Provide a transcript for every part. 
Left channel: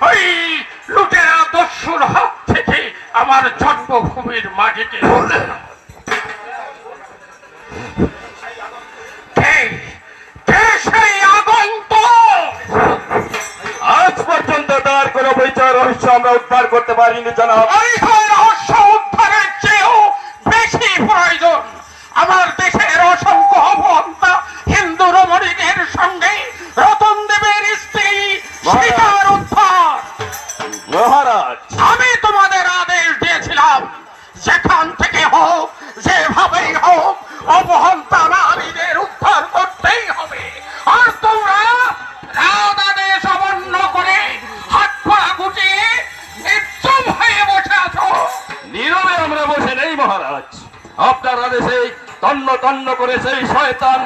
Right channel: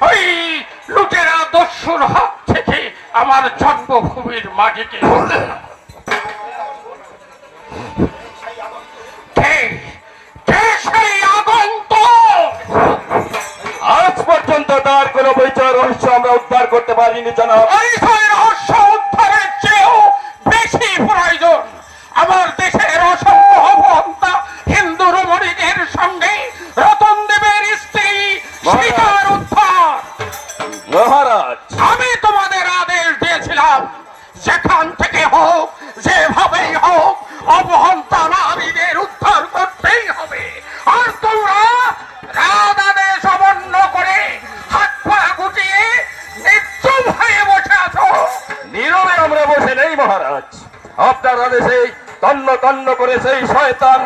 ওই লুটেরা দস্যুর হাত থেকে আমার জন্মভূমির মাটিকে সেই আগন্তুক আজ পর্যন্ত তার কোনো পরিচয় রহস্য আমরা উদ্ধার করতে পারিনি জনাব। পরিচয় রহস্য উদ্ধারের চেয়েও বেশি প্রয়োজন আমার দেশের অসংখ্য অবহন্তা হিন্দু রমণীদের সঙ্গে রতন দেবের স্ত্রী সীতার উদ্ধার। মহারাজ, আমি তোমাদের আদেশ দিয়েছিলাম যেখান থেকে হোক যেভাবেই হোক অবহন্তা নারীদের উদ্ধার করতেই হবে। আর তোমরা রাত আদেশ অমান্য করে হাত পা গুটিয়ে নিশ্চুপ হয়ে বসে আছো। নীরবে আমরা বসে নেই মহারাজ। আপনার আদেশে তন্ন তন্ন করে সেই শয়তান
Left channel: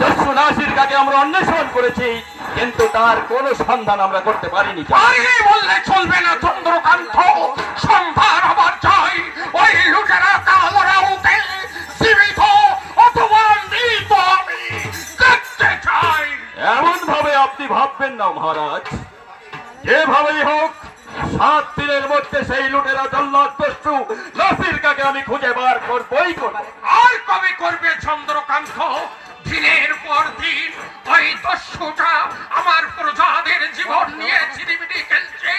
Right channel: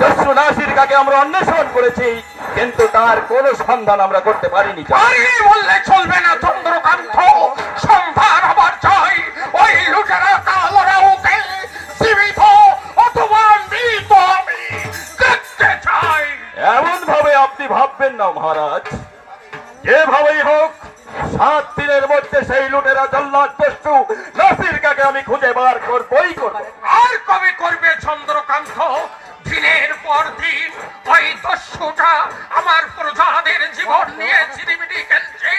দস্যু নাসিরকে আমরা অন্বেষণ করেছি, কিন্তু তার কোনো সন্ধান আমরা করতে পারিনি। আরে বললে চলবে না চন্দ্রকান্ত, সন্ধান হবার চাই ওই লুটেরা কালরাউকে জীবিত অথবা মৃত আমি দেখতে চাই। এমন ভাবে আপনি ভাববেন না মহারাজ। যেভাবেই হোক 7 দিনের মধ্যে সেই লুটেরা জল্লাদ দস্যু নাসিরকে আমি খুঁজে বার করবই করব। আর কবে করবে চন্দ্রকান্ত? দিনের পর দিন ওই দস্যুটা আমার প্রজাদের জীবন নিয়ে ঝিরিমিরি খেলছে।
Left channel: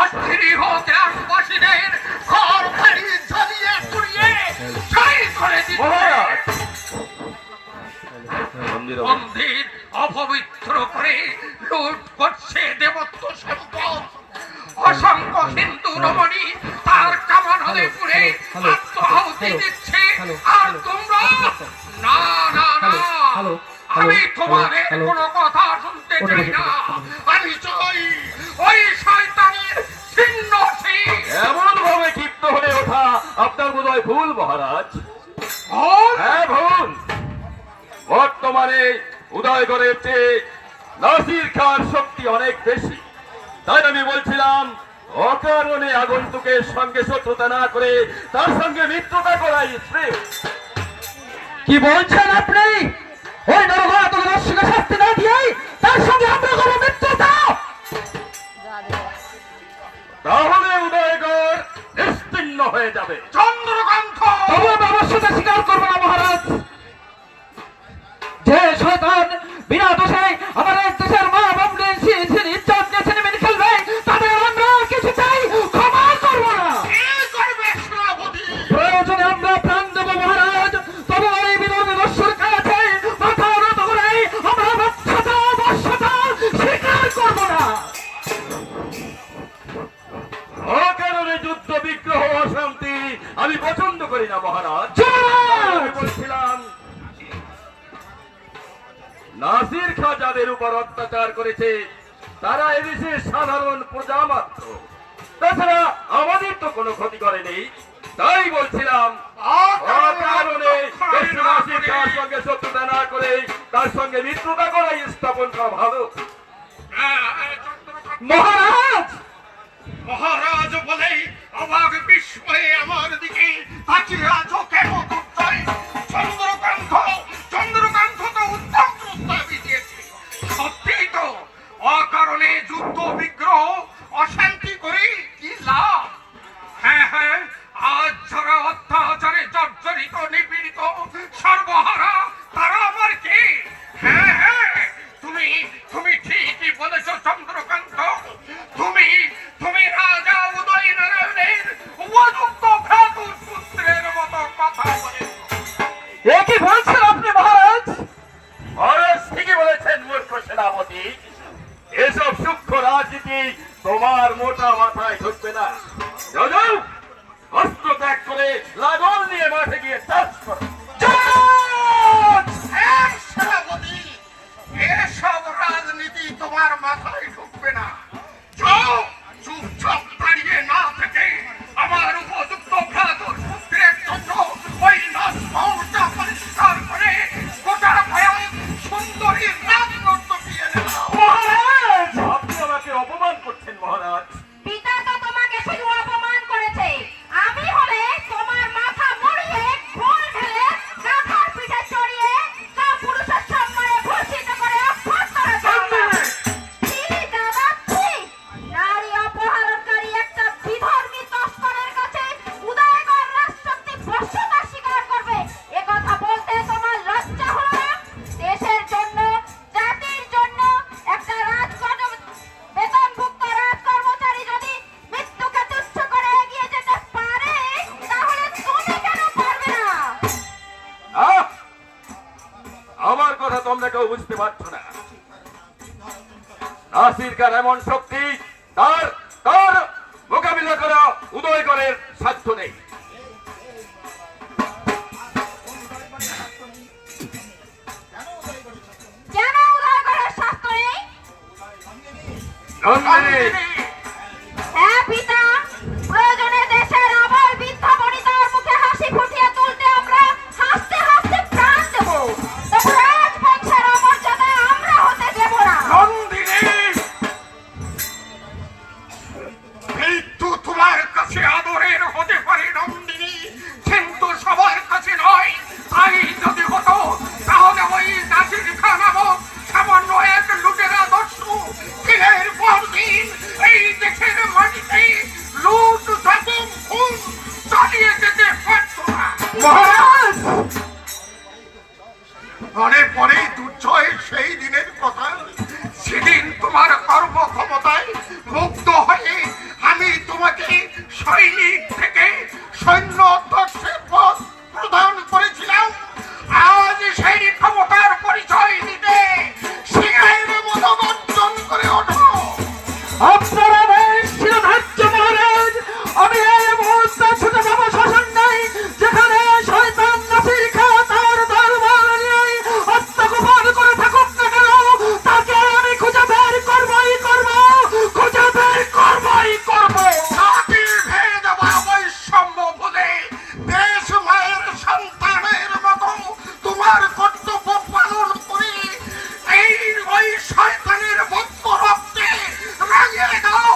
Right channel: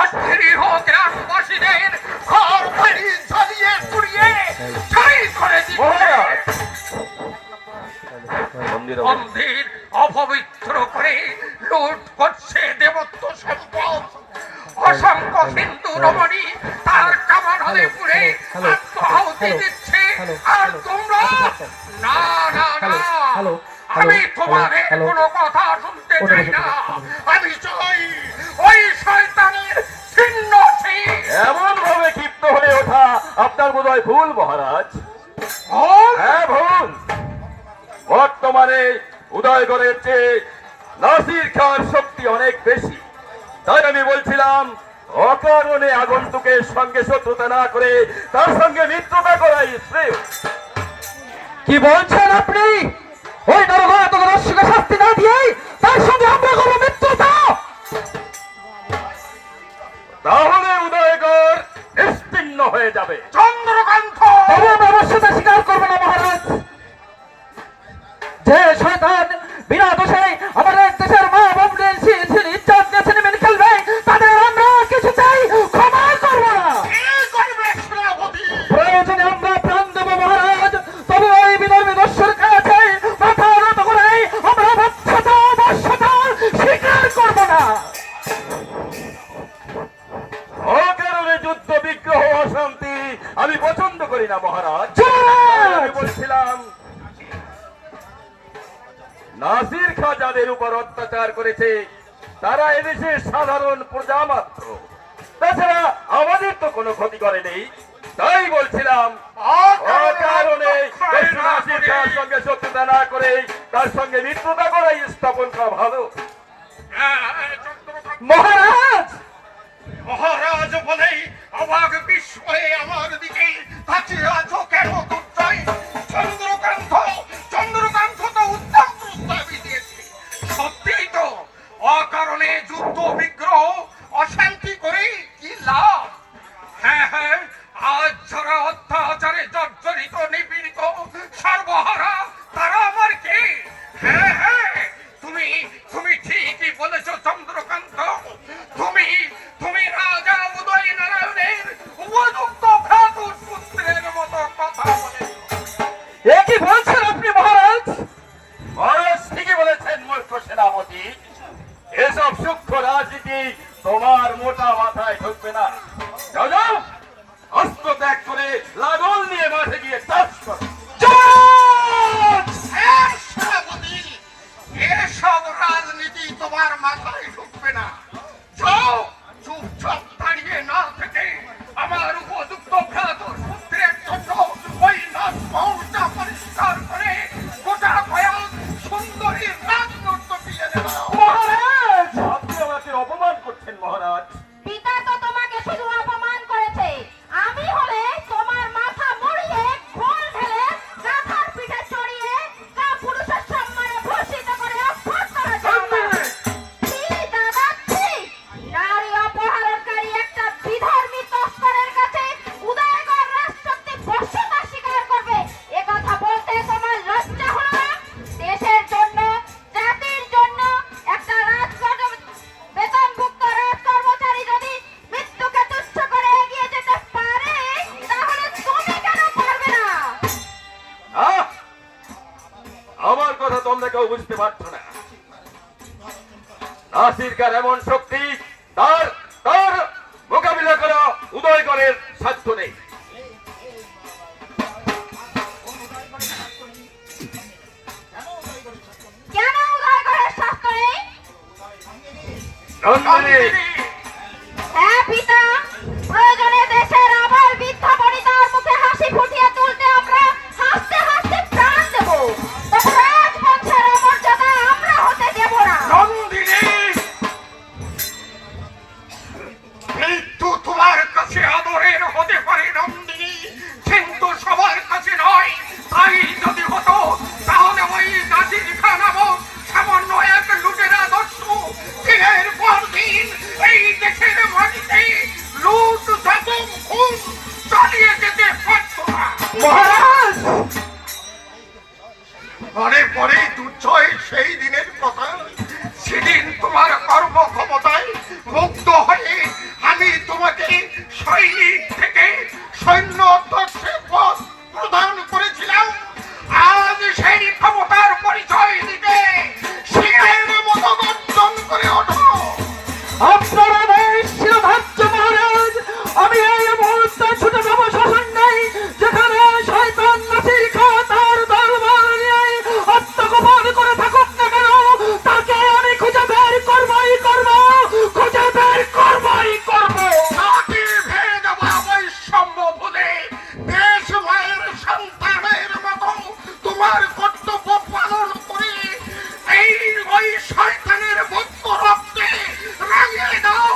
অস্থির গ্রামবাসীদের ঘর বাড়ি জ্বালিয়ে পুড়িয়ে ছাই করে মন্দির অপবিত্র করে লুট করছে দেবত্ব সম্পদ। অসংখ্য হিন্দু রমণী তার কামান হলে পুড়ে আত্মআহুতি দিচ্ছে। আর তোমরা না না না, আমি তোমাদের কোনো কথা শুনতে চাই না। আমি চাই ওই শয়তানের ছিন্ন শির। এমন ভাবে ক্ষিপ্ত হয়ে ওঠা আপনার বোধহয় ভুল মহারাজ। হ্যাঁ ভুল। বর্তমানে উদয়গড়ের চেয়ে নাসির খান শক্তি অনেক বেশি। তাই আমি বলছিলাম অকারণে আগন্তুকের সঙ্গে শত্রুতা না করে তার সঙ্গে মিত্রতা করাই শ্রেয়। কি বলছেন আপনি? ওই নরঘাতক দস্যুকে শাস্তি না দিয়ে তার সঙ্গে আমরা করবো মিত্রতা? তাহলে উদয়গড় নিশ্চিহ্ন হয়ে যাবে। চন্দ্রকান্ত, তবু আমরা অবশ্যতা স্বীকার করবো না মহারাজ। যে শয়তান বিনা দোষে আমাদের দেশের মা বোনদের ইজ্জত নিয়ে ছিনিমিনি খেলবে, তাদের আমরা কিছু চাই ক্ষমা করবো না। প্রয়োজনে আমরা প্রাণ দেবো মহারাজ, তবু ওই বিধর্মী দস্যুর কাছে মাথা নত করে আমরা বর্ষতা স্বীকার করবো না। অকারণে যুদ্ধ বিগ্রহ অশান্তি আমি পছন্দ করি না মহারাজ। আমি বলছিলাম নাসির খাঁ যাদের উপর অত্যাচার করেছে তারা এদেশের সাধারণ প্রজা মাত্র। তাছাড়া আমাদের তো কোনো ক্ষতি করেনি। তাই বলছিলাম অকারণে নাসির খাঁর সঙ্গে শত্রুতা না করে তার সঙ্গে মিত্রতা করাই স্থাপন করা ভালো। মহারাজ, মহারাজ বলেই অবাক বিস্ময়ে আমার দিকে তাকিয়ে আছো কেন? চন্দ্রকান্ত, চন্দ্রকান্ত তো উত্তম প্রস্তাবই দিয়েছে। সত্যি তো, অকারণে যুদ্ধ বিগ্রহ অশান্তি করে কি লাভ? হ্যাঁ হ্যাঁ, আজ যারা অত্যাচারে জর্জরিত নিপীড়িত সর্বহারা তারা আমার কে? হ্যাঁ হ্যাঁ, তুমি ঠিকই বলেছ চন্দ্রকান্ত। তুমি রাজা উদয় নারায়ণের উপযুক্ত ভ্রাতুষ্পুত্রের মতো কথা বলে। এ কি বলছেন আপনি মহারাজ? মহারাজ ঠিকই বলেছেন মূর্খ সেনাপতি। এসব সূক্ষ্ম রাজনীতি তোমার মোটা মাথায় ঢুকবে না। যাও, অস্ত্র ত্যাগ করে লাঙল নিয়ে মাঠে গিয়ে চাষ করো। এসব রাজনীতি তোমার মাথায় ঢুকবে না। যাও, চুপচাপ দাঁড়িয়ে না থেকে আমার উপযুক্ত ভ্রাতুর পুত্রের জন্য ওই নাচমহলটা পরিষ্কার করে গোটা ভয়ান সুন্দরী রাজনর্ত দিয়ে নাও। মহারাজ, আপনি আমাকে অপমান করছেন মহারাজ। পিতা তো তোমাকে শুধু অপমান করেছে, আমি হলে তোমার মাথা মুড়িয়ে ঘোল ঢেলে গাধার পিঠে চড়িয়ে তা পুরুষের সম্মানে ভূষিত করে অভ্যাস করা যাবে। দাদা, নারী পারছো না। নাসির খান এমন শক্তি, তার তার মোকাবিলা করা উদয়গড়ের সাধ্য নেই। কেন উদয়গড়ের শাস্ত্র নেই? নন্দিনী, হ্যাঁ পিতা, প্রয়োজনে দেশের আবার বৃদ্ধা বনিতার মুখে হাসি ফুটিয়ে তুলতে আমরা হাসতে হাসতে প্রাণ দেব, তবু রাজবংশের অমর্যাদা আমরা হতে দেব না। নন্দিনী, মৃত্যু তোমার কাছে আদরের হতে পারে নন্দিনী, কিন্তু সবার কাছে নয়। তাই যদি হতো তাহলে ওই নাজির খান নামক সামান্য এক লুটেরা দস্যু দিনের পর দিন এই দেশের মাটিতে লুট জখম খুন চালিয়ে যেতে পারত না। মহারাজ, পরে পরে দুর্জয় সেই দিনের কথা, সেদিন তোমার কর্মক্ষমতায় মুগ্ধ হয়ে আমি তোমাকে সৈনিক থেকে সৈন্য অধ্যক্ষের পদ প্রদান করেছিলাম। আজ সেই ক্ষমতার পরিচয় দিতে সিংহের মতো গর্জন করে ওঠো। আপনার আদেশ শিরোধার্য মহারাজ। আমি এই মুহূর্তে ছুটে যাব শ্মশান নেই, যেখানে শয়তান নাসির খাঁ তার দরবার নিয়ে আত্মগোপন করে থাকুক না কেন, তাকে আমি খুঁজে বের করবই করব, খুঁজে বের করবই করব। জাতির ভেদ বা বৈষম্য ভুলে দেশ মায়ের সন্তানের মতো তোমার কর্তব্য পালন করে এই ওই শয়তানের বক্ষ রক্তে রাঙিয়ে দাও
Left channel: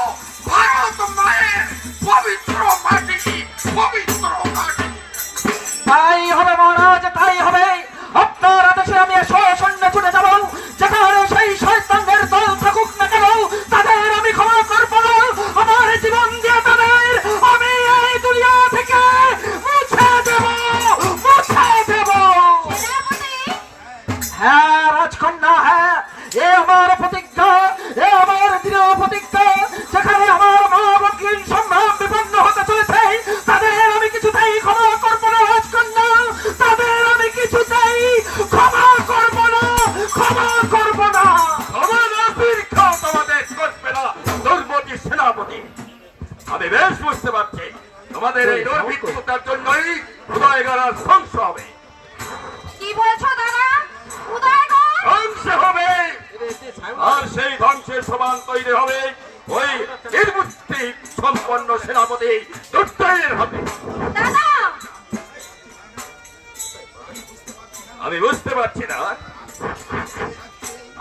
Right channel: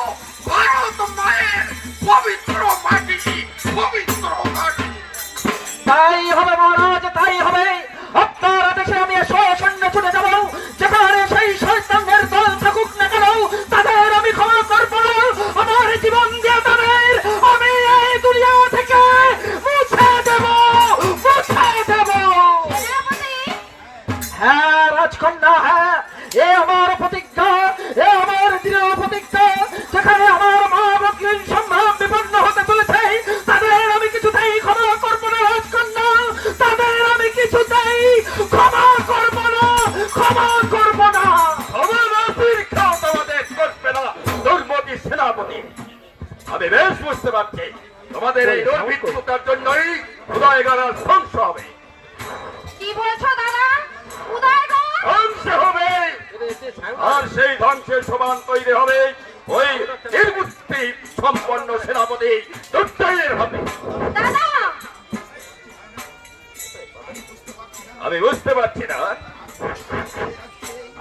ভারত মায়ের পবিত্র মাটি, পবিত্র মাটি। তাই হবে মহারাজ, তাই হবে। আপনার আদেশে আমি শ্মশানে ছুটে যাব, যেখানে সেই শয়তানদের দল থাকুক না কেন, তাদের আমি ক্ষমা করব না। আমার জীবন দিয়ে তাদের আমি এই দুনিয়া থেকে মুছে দেব, মুছে দেব। সেনাপতি, হ্যাঁ রাজকন্যা, হ্যাঁ, এ আমার প্রতিজ্ঞা, এ আমার দৃঢ় প্রতিজ্ঞা। যেখানে আমার মা ভগ্নীর সম্ভ্রম বিপন্ন হতে চলেছে, তাদের আমি কিছুতেই ক্ষমা করবো না রাজকন্যা, তাদের আমি কিছুতেই ক্ষমা করবো না, ক্ষমা করবো না। আমার নাসির খাঁ তোমাদের করবে না, দুর্মতি সেনাপতি। আমি বেশ বুঝতে পারছি তোমাদের এই দুর্বৃত্ততার জন্যই উদয়গড় ধ্বংস হবে, কি বলছো দাদা? উদয়গড়? ধ্বংস হবে। আর সেই ধ্বংসের সমান তৈরি হবে ওই নির্বুদ্ধি সম্পন্ন সেনাপতি দুর্জয়ের হাতে। দাদা, আমি বুঝতে পারছি না,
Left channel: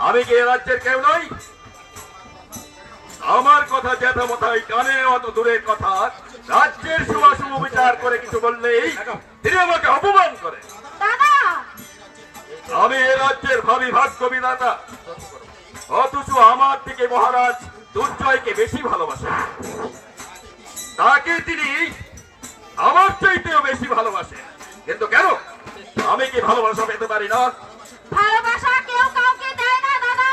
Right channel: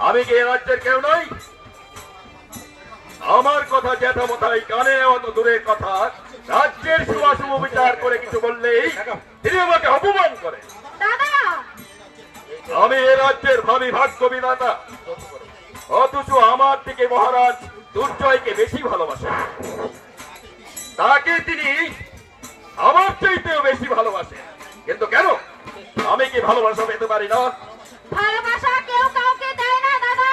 আমি কি এ রাজ্যের কেউ নই? আমার কথা জ্যাঠামশাই কানে অত দূরের কথা, রাজ্যের শুভাশুভ বিচার করে কিছু বললেই তিনি আমাকে অপমান করেন। দাদা, আমি এ রাজ্যের ভাবি ভাগ্য বিধাতা, অথচ আমার থেকে মহারাজ দুর্জয়কে বেশি ভালোবাসেন। তাকে তিনি আমার চাইতেও বেশি ভালোবাসেন, কিন্তু কেন? আমি কি ভালোবাসা পেতে পারি না? ভালোবাসা কেউ কাউকে দেয় না দাদা,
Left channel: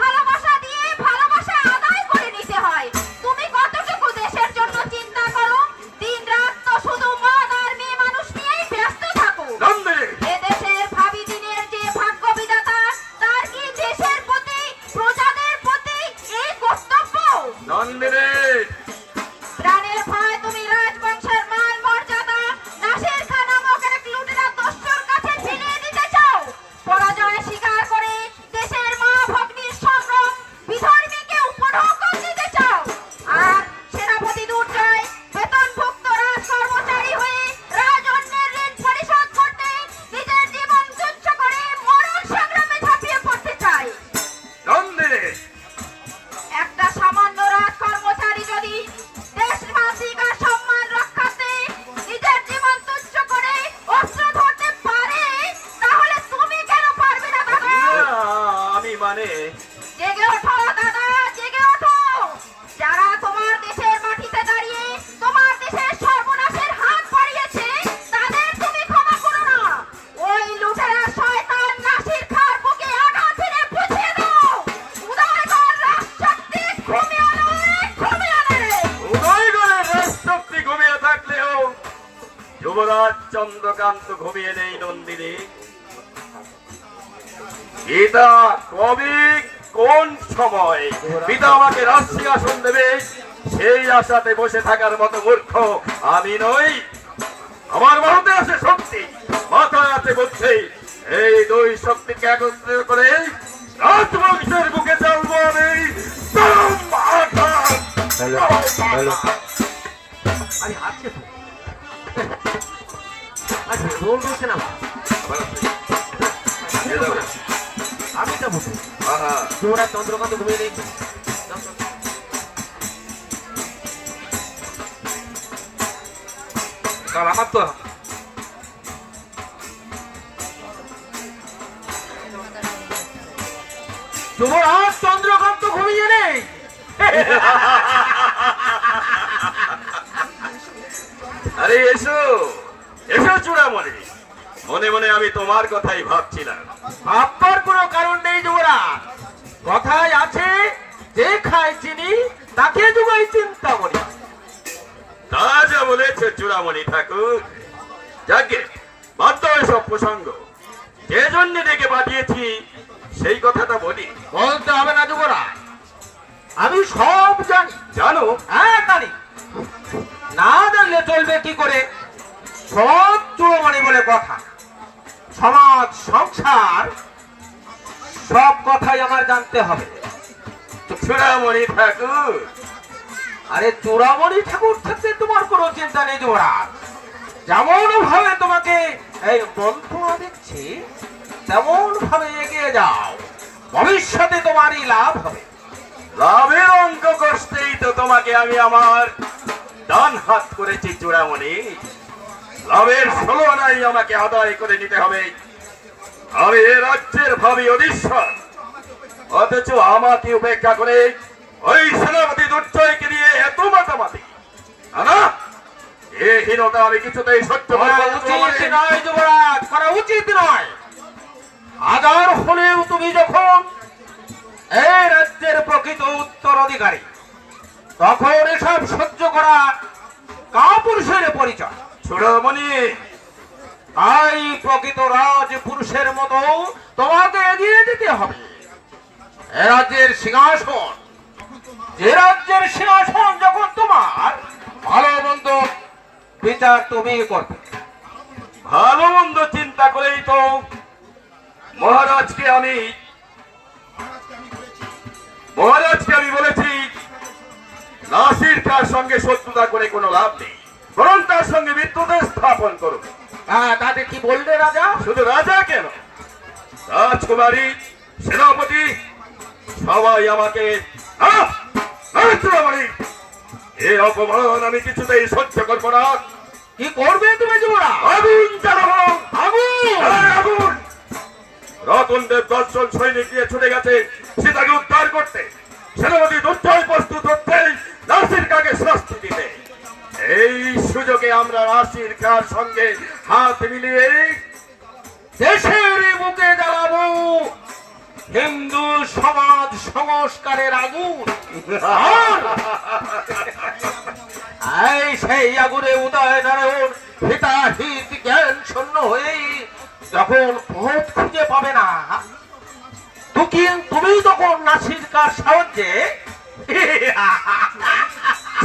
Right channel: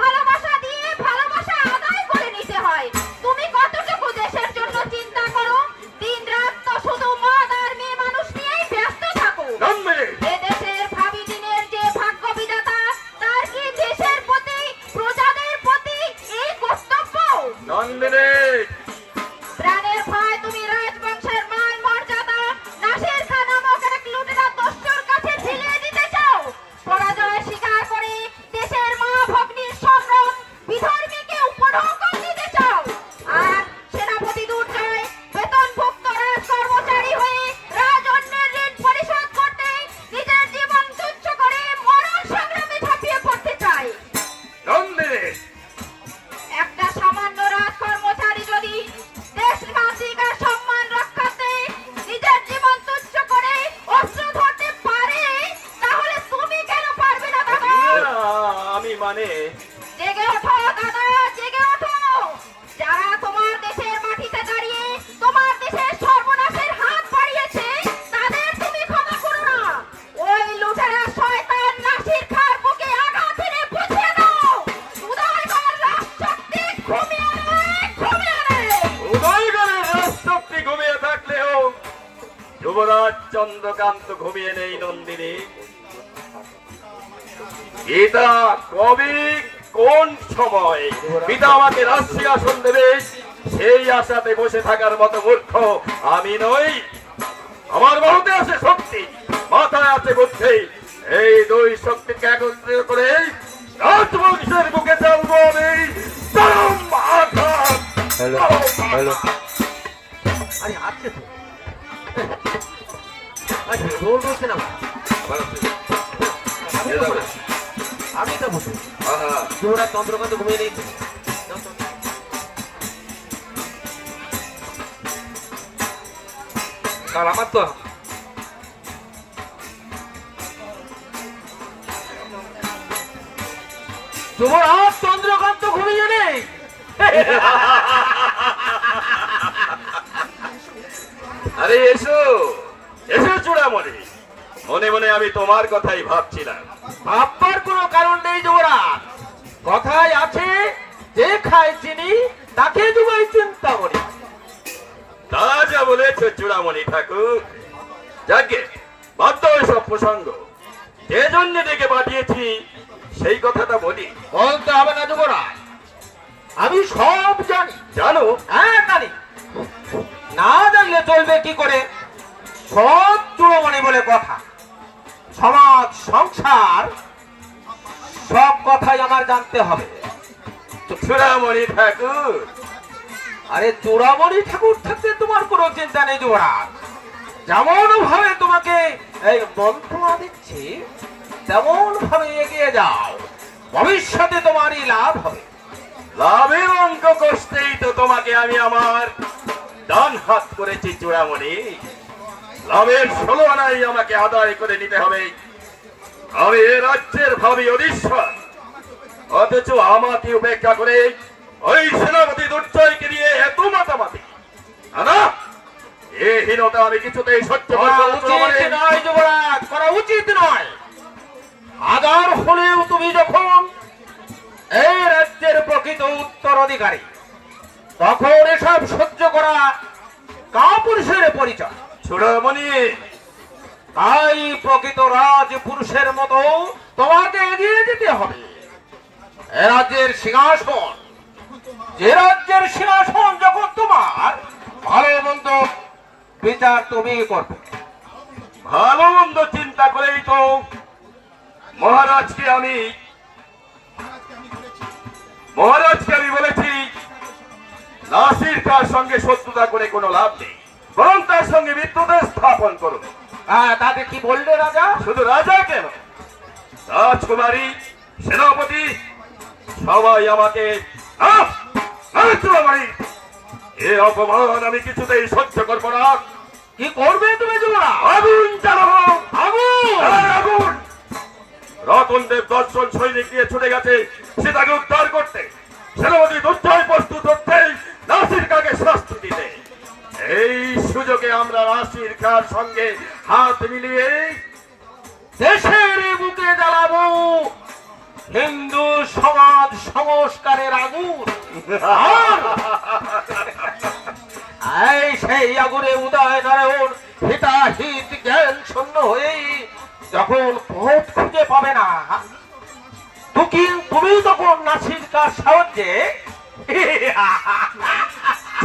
ভালোবাসা দিয়ে ভালোবাসা আদায় করে নিতে হয়। তুমি কতটুকু দেশের জন্য চিন্তা করো, দিন রাত তো শুধু মদ আর মেয়ে মানুষ নিয়েই ব্যস্ত থাকো। নন্দে, এ দেশের ভাবি দিনের যে ভাগ্য বিধাতা, তার কি দেশের প্রতি প্রজাদের প্রতি এই কর্তব্য? নন্দিনী, প্রাণের ভয় তুমি রাজবংশের মান মর্যাদা নাসির খাঁ নামক এক লুটেরা দস্যুর কাছে ঝিলিয়ে দিতে চাও। পরাজয় স্বীকার করে দেশের মা ভগ্নীর সম্ভ্রম বিধর্মীকে উপঢৌকন দিতে চাও। আর সেনাপতি দুর্জয় বেতনভুক্ত রাজ কর্মচারী হয়ে রাজন্যের ঋণ পরিশোধ করতে নিজের জীবন তুচ্ছ করে মরণ সংগ্রামে ঝাঁপিয়ে পড়তে চায়। নন্দিনী, একটা সামান্য রাজ কর্মচারী যদি দেশবাসীর সম্মান রক্ষার্থে নিজের জীবন তুচ্ছ করে অস্ত্র ধরতে পারে, তাহলে তুমি কেন পারবে না দাদা? আমি মানে জেগে ওঠো দাদা, জেগে ওঠো। যারা তোমার দেশের মাটিতে দাঁড়িয়ে তোমার দেশের সর্বনাশের হাত বাড়িয়েছে, তাদের তুমি ক্ষমা করো না। ওই লুটেরা শয়তান নাসির খাঁর বুকে আঘাত এনে বুঝিয়ে দাও, উদয়গড় রাজশক্তি ঘুমিয়ে আনে, ঘুমিয়ে আনে। উদয়গড়ের রাজশক্তি ঘুমিয়ে থাকলেও যুবরাজ চন্দ্রকান্ত ঘুমিয়ে নেই। নন্দিনী, পিতা কবি কোন সময় পিতা আমাকে রাজসিংহাসন দেবে সেই আশাতে বসে থাকার মতো মূর্খ আমি নই। আমার মধ্যে আছে শক্তি, মাথায় আছে বুদ্ধি। এই দুই শক্তিকে একত্রিত করে রাজবংশের বুকে চলবো আমি চরম আঘাত। আরে আছে তো আচ্ছা রোল রয়েছে না আমি তো বলছি তোরা চন্দ্রকান্ত ঘুমিয়ে নেই আমার তো তোমার আর চন্দ্রকান্ত ঘুমিয়ে নেই আরে এসো এসো চূড়ামণি, মনে মনে আমি তোমার কথাই ভাবছিলাম। ভাববার কোনো কারণ নেই যুবরাজ, কথায় আছে যে খায় চিনি তাকে যুগাই চিন্তা করি। তা যা বলেছ চূড়ামণি ঠাকুর, যাকে বাধ্য সব প্রসঙ্গ যে জন্য ডেকে পাঠিয়েছি সেই কথাটা বলি। বলতে হবে না যুবরাজ, আমি সব জানি। জানো? হ্যাঁ জানি, না জানলে চলবে কি করে? সব চূড়ামণি বলে কথা, সমাজ সংসার সব কথাই আমার জানতে হবে। চূড়ামণি ঠাকুর, আরে চূড়ামণি ঠাকুর থাকতে তোমার কোনো চিন্তা নেই যুবরাজ। যেমন ভাবে তোমাকে এই মন্ত্র দিচ্ছি তেমন ভাবে এগিয়ে যাও, ভবিষ্যতে তোমারই লাভ হবে। লাভের অঙ্ক কষতেই তো তোমাকে আমি আমার ডান হাত করেছি চূড়ামণি। লাভের 16 আনাই আমাকে আদায় করে নিতে হবে। আমি এ রাজ্যের ভাবি অধীশ্বর, অথচ আমাকে উপেক্ষা করে ওই সেনাপতি দুর্জয়কে নিয়ে এত মাতামাতি। না, এ হীনতা আমি কিছুতেই সহ্য করব না চূড়ামণি। নয় যুবরাজ, করা উচিত নয়। হাজার হলেও তুমি যখন এই রাজ্যের প্রকৃত উত্তরাধিকারী, তখন এসব সহ্য করা কাপুরুষের পরিচয়। চূড়ামণি, তাই প্রকৃত রাজপুরুষের মতো তোমাকে এগিয়ে যেতে হবে। এ রাজ্যের সিংহাসন, যে রাজ্যের সিংহাসন যখন তোমার, ভালো মন্দ বিচার তুমি করবে। ভালো মন্দ চিন্তা করেই তো মহারাজকে আমি বলেছি নাসির খাঁর সঙ্গে শত্রুতা করে কোনো লাভ নেই, বরং তার সঙ্গে মিত্রতা স্থাপন করুন। তাতে কি বললে রাজা? শুধু রাজা কেন, রাজকুমারী, সেনাপতি সবাই আমাকে এ অপমান আমি কিছুতেই সহ্য করবো না। কি করবে তুমি যুবরাজ? আগুন জ্বালাবো, আগুন! আগুন! রতনদেব 10 জন সৈনিক নিয়ে ছুটে গেছে সীতাকে উদ্ধার করতে। সেনাপতি দুর্জয় প্রস্তুত হচ্ছেই নাসির খাঁকে শাস্তি দিতে। এই সুযোগে আমরা নাসির খাঁর সঙ্গে হাত মিলিয়ে দেশের বুকে জ্বালাবো হিন্দু সমাজ সংস্কারের আগুন। এই সেই আগুনে উদয় নারায়ণ হিতাহিত জ্ঞান শূন্য হয়েই যখন পথ খুঁজে পাবে না, তুমি তখন নাসির খাঁর সাহায্যে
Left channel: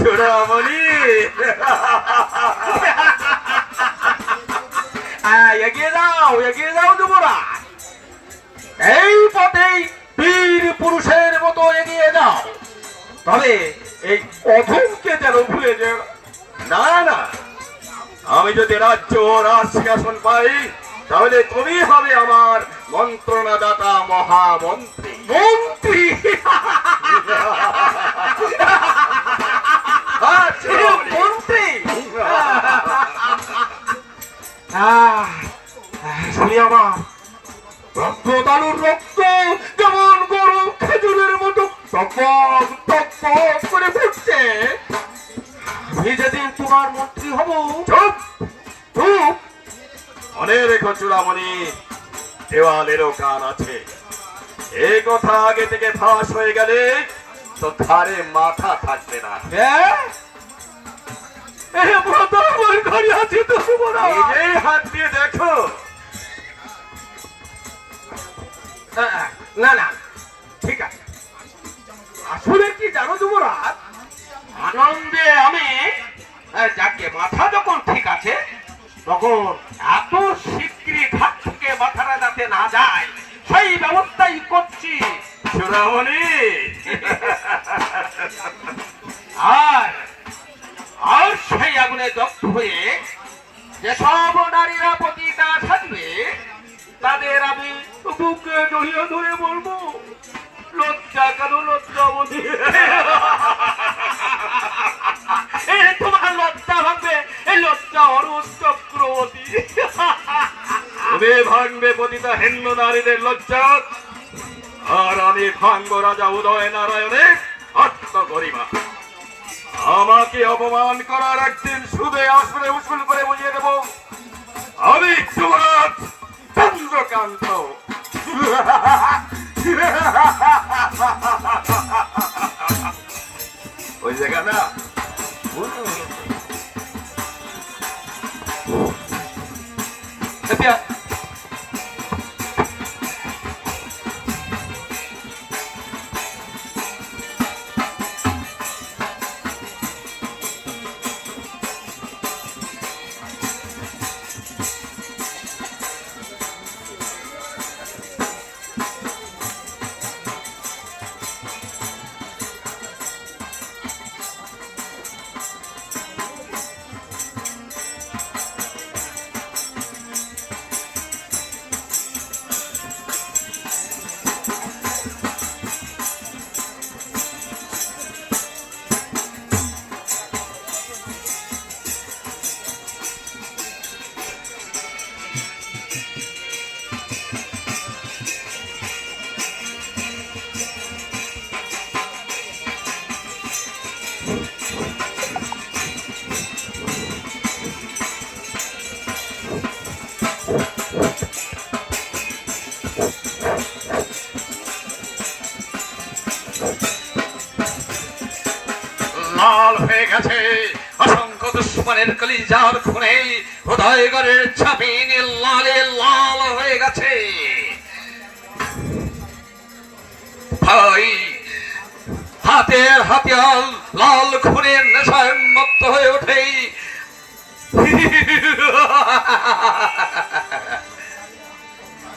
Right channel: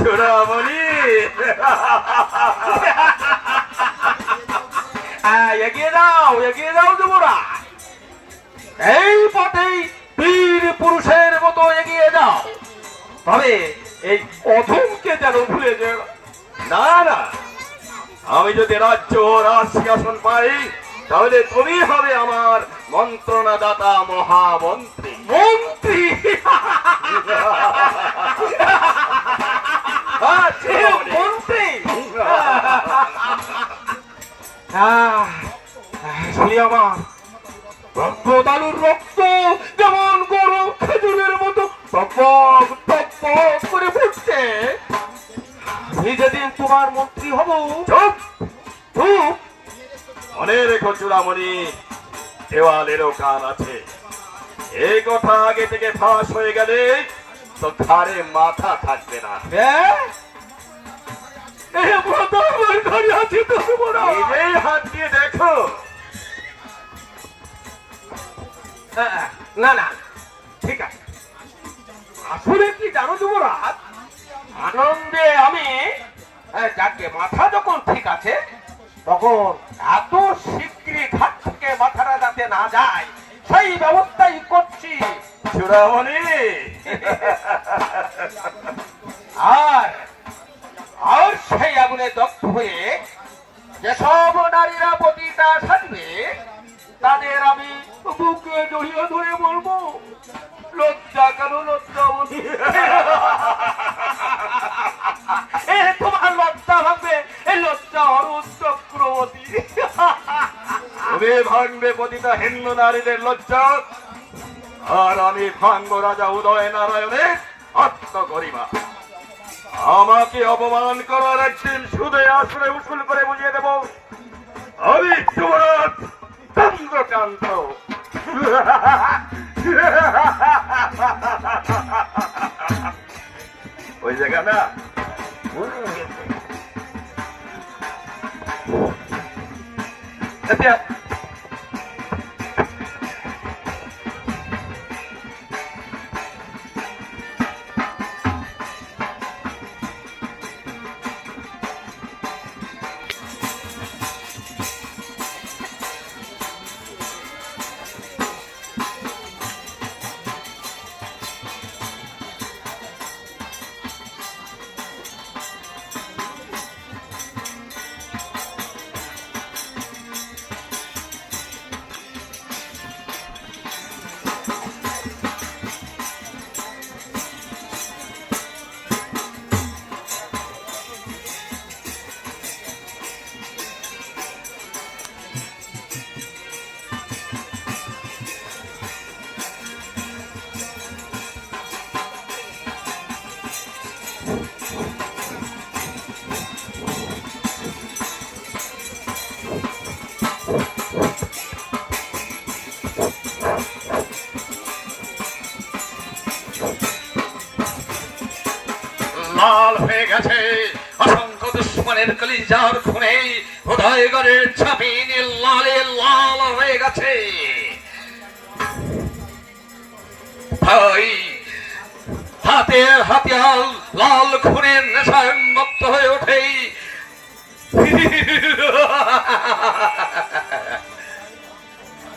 চূড়ামণি, এগিয়ে যাও যুবরাজ। এই পথেই বীর পুরুষের মতো এগিয়ে যাও, তবে এই অধমকে যেন ভুলে যাও না না, আমি যদি রাজ্য ও রাজসিংহাসন পাই তাহলে তুমি হবে আমার মন্ত্রণাদাতা মহামন্ত্রী। মন্ত্রী। মন্ত্রী শুনি আমার রক্তদালুর রক্ত যেমন গরম খেজুরের মতো টপক টপক করে ফুটছে। আমি যেদিন তোমার মন্ত্রী হব, চুপ চুপ। মনে রেখো চূড়ামণি, দেওয়ালেরও কান আছে। এই কথা আগে থেকে ফাঁস হয়ে গেলে তো ঘাড়ে মাথা থাকবে না। ঘরে আছি তো নিজেই হাত দিয়ে দেখো। না না ঠিক আছে। আসলে কি জানো যুবরাজ, আনন্দে আমি যাকে মাথা যখন ঠিক আছে তখন এত শীঘ্রই ঘাট থেকে মাথাটা যাতে না যায় সেই ব্যবস্থাই করছি চূড়ামণি। আর আর সেই আগুনে দগ্ধ হয়ে যেসব নারীরা পতিতা থাকবে তাদের আমি বুকে জড়িয়ে ধরে বলবো, লজ্জা কেন লজ্জাবতী। তোমার লজ্জা ভাঙবে, এই লজ্জা অরুণ চক্রবর্তী। তুমি ভাঙবে পতিতা হিন্দু নারীদের লজ্জা, আর আমি ভাঙব রাজা উদয় নারায়ণের আত্মগরিমা। আমাকে অপমান করার একদিন সুদে আসলে উসুল করে বুঝিয়ে দেব আমি যুবরাজ চন্দ্রকান্ত। ওই জায়গা না লাল হয়ে গেছে অসংখ্য দুশ্মনের কলিজার খুনে, উদয়গড়ের জমিন লালে লাল হয়ে গেছে। ভাই হাতের হাতিয়ার লাল খুনের নেশায় মত্ত হয়ে ওঠে।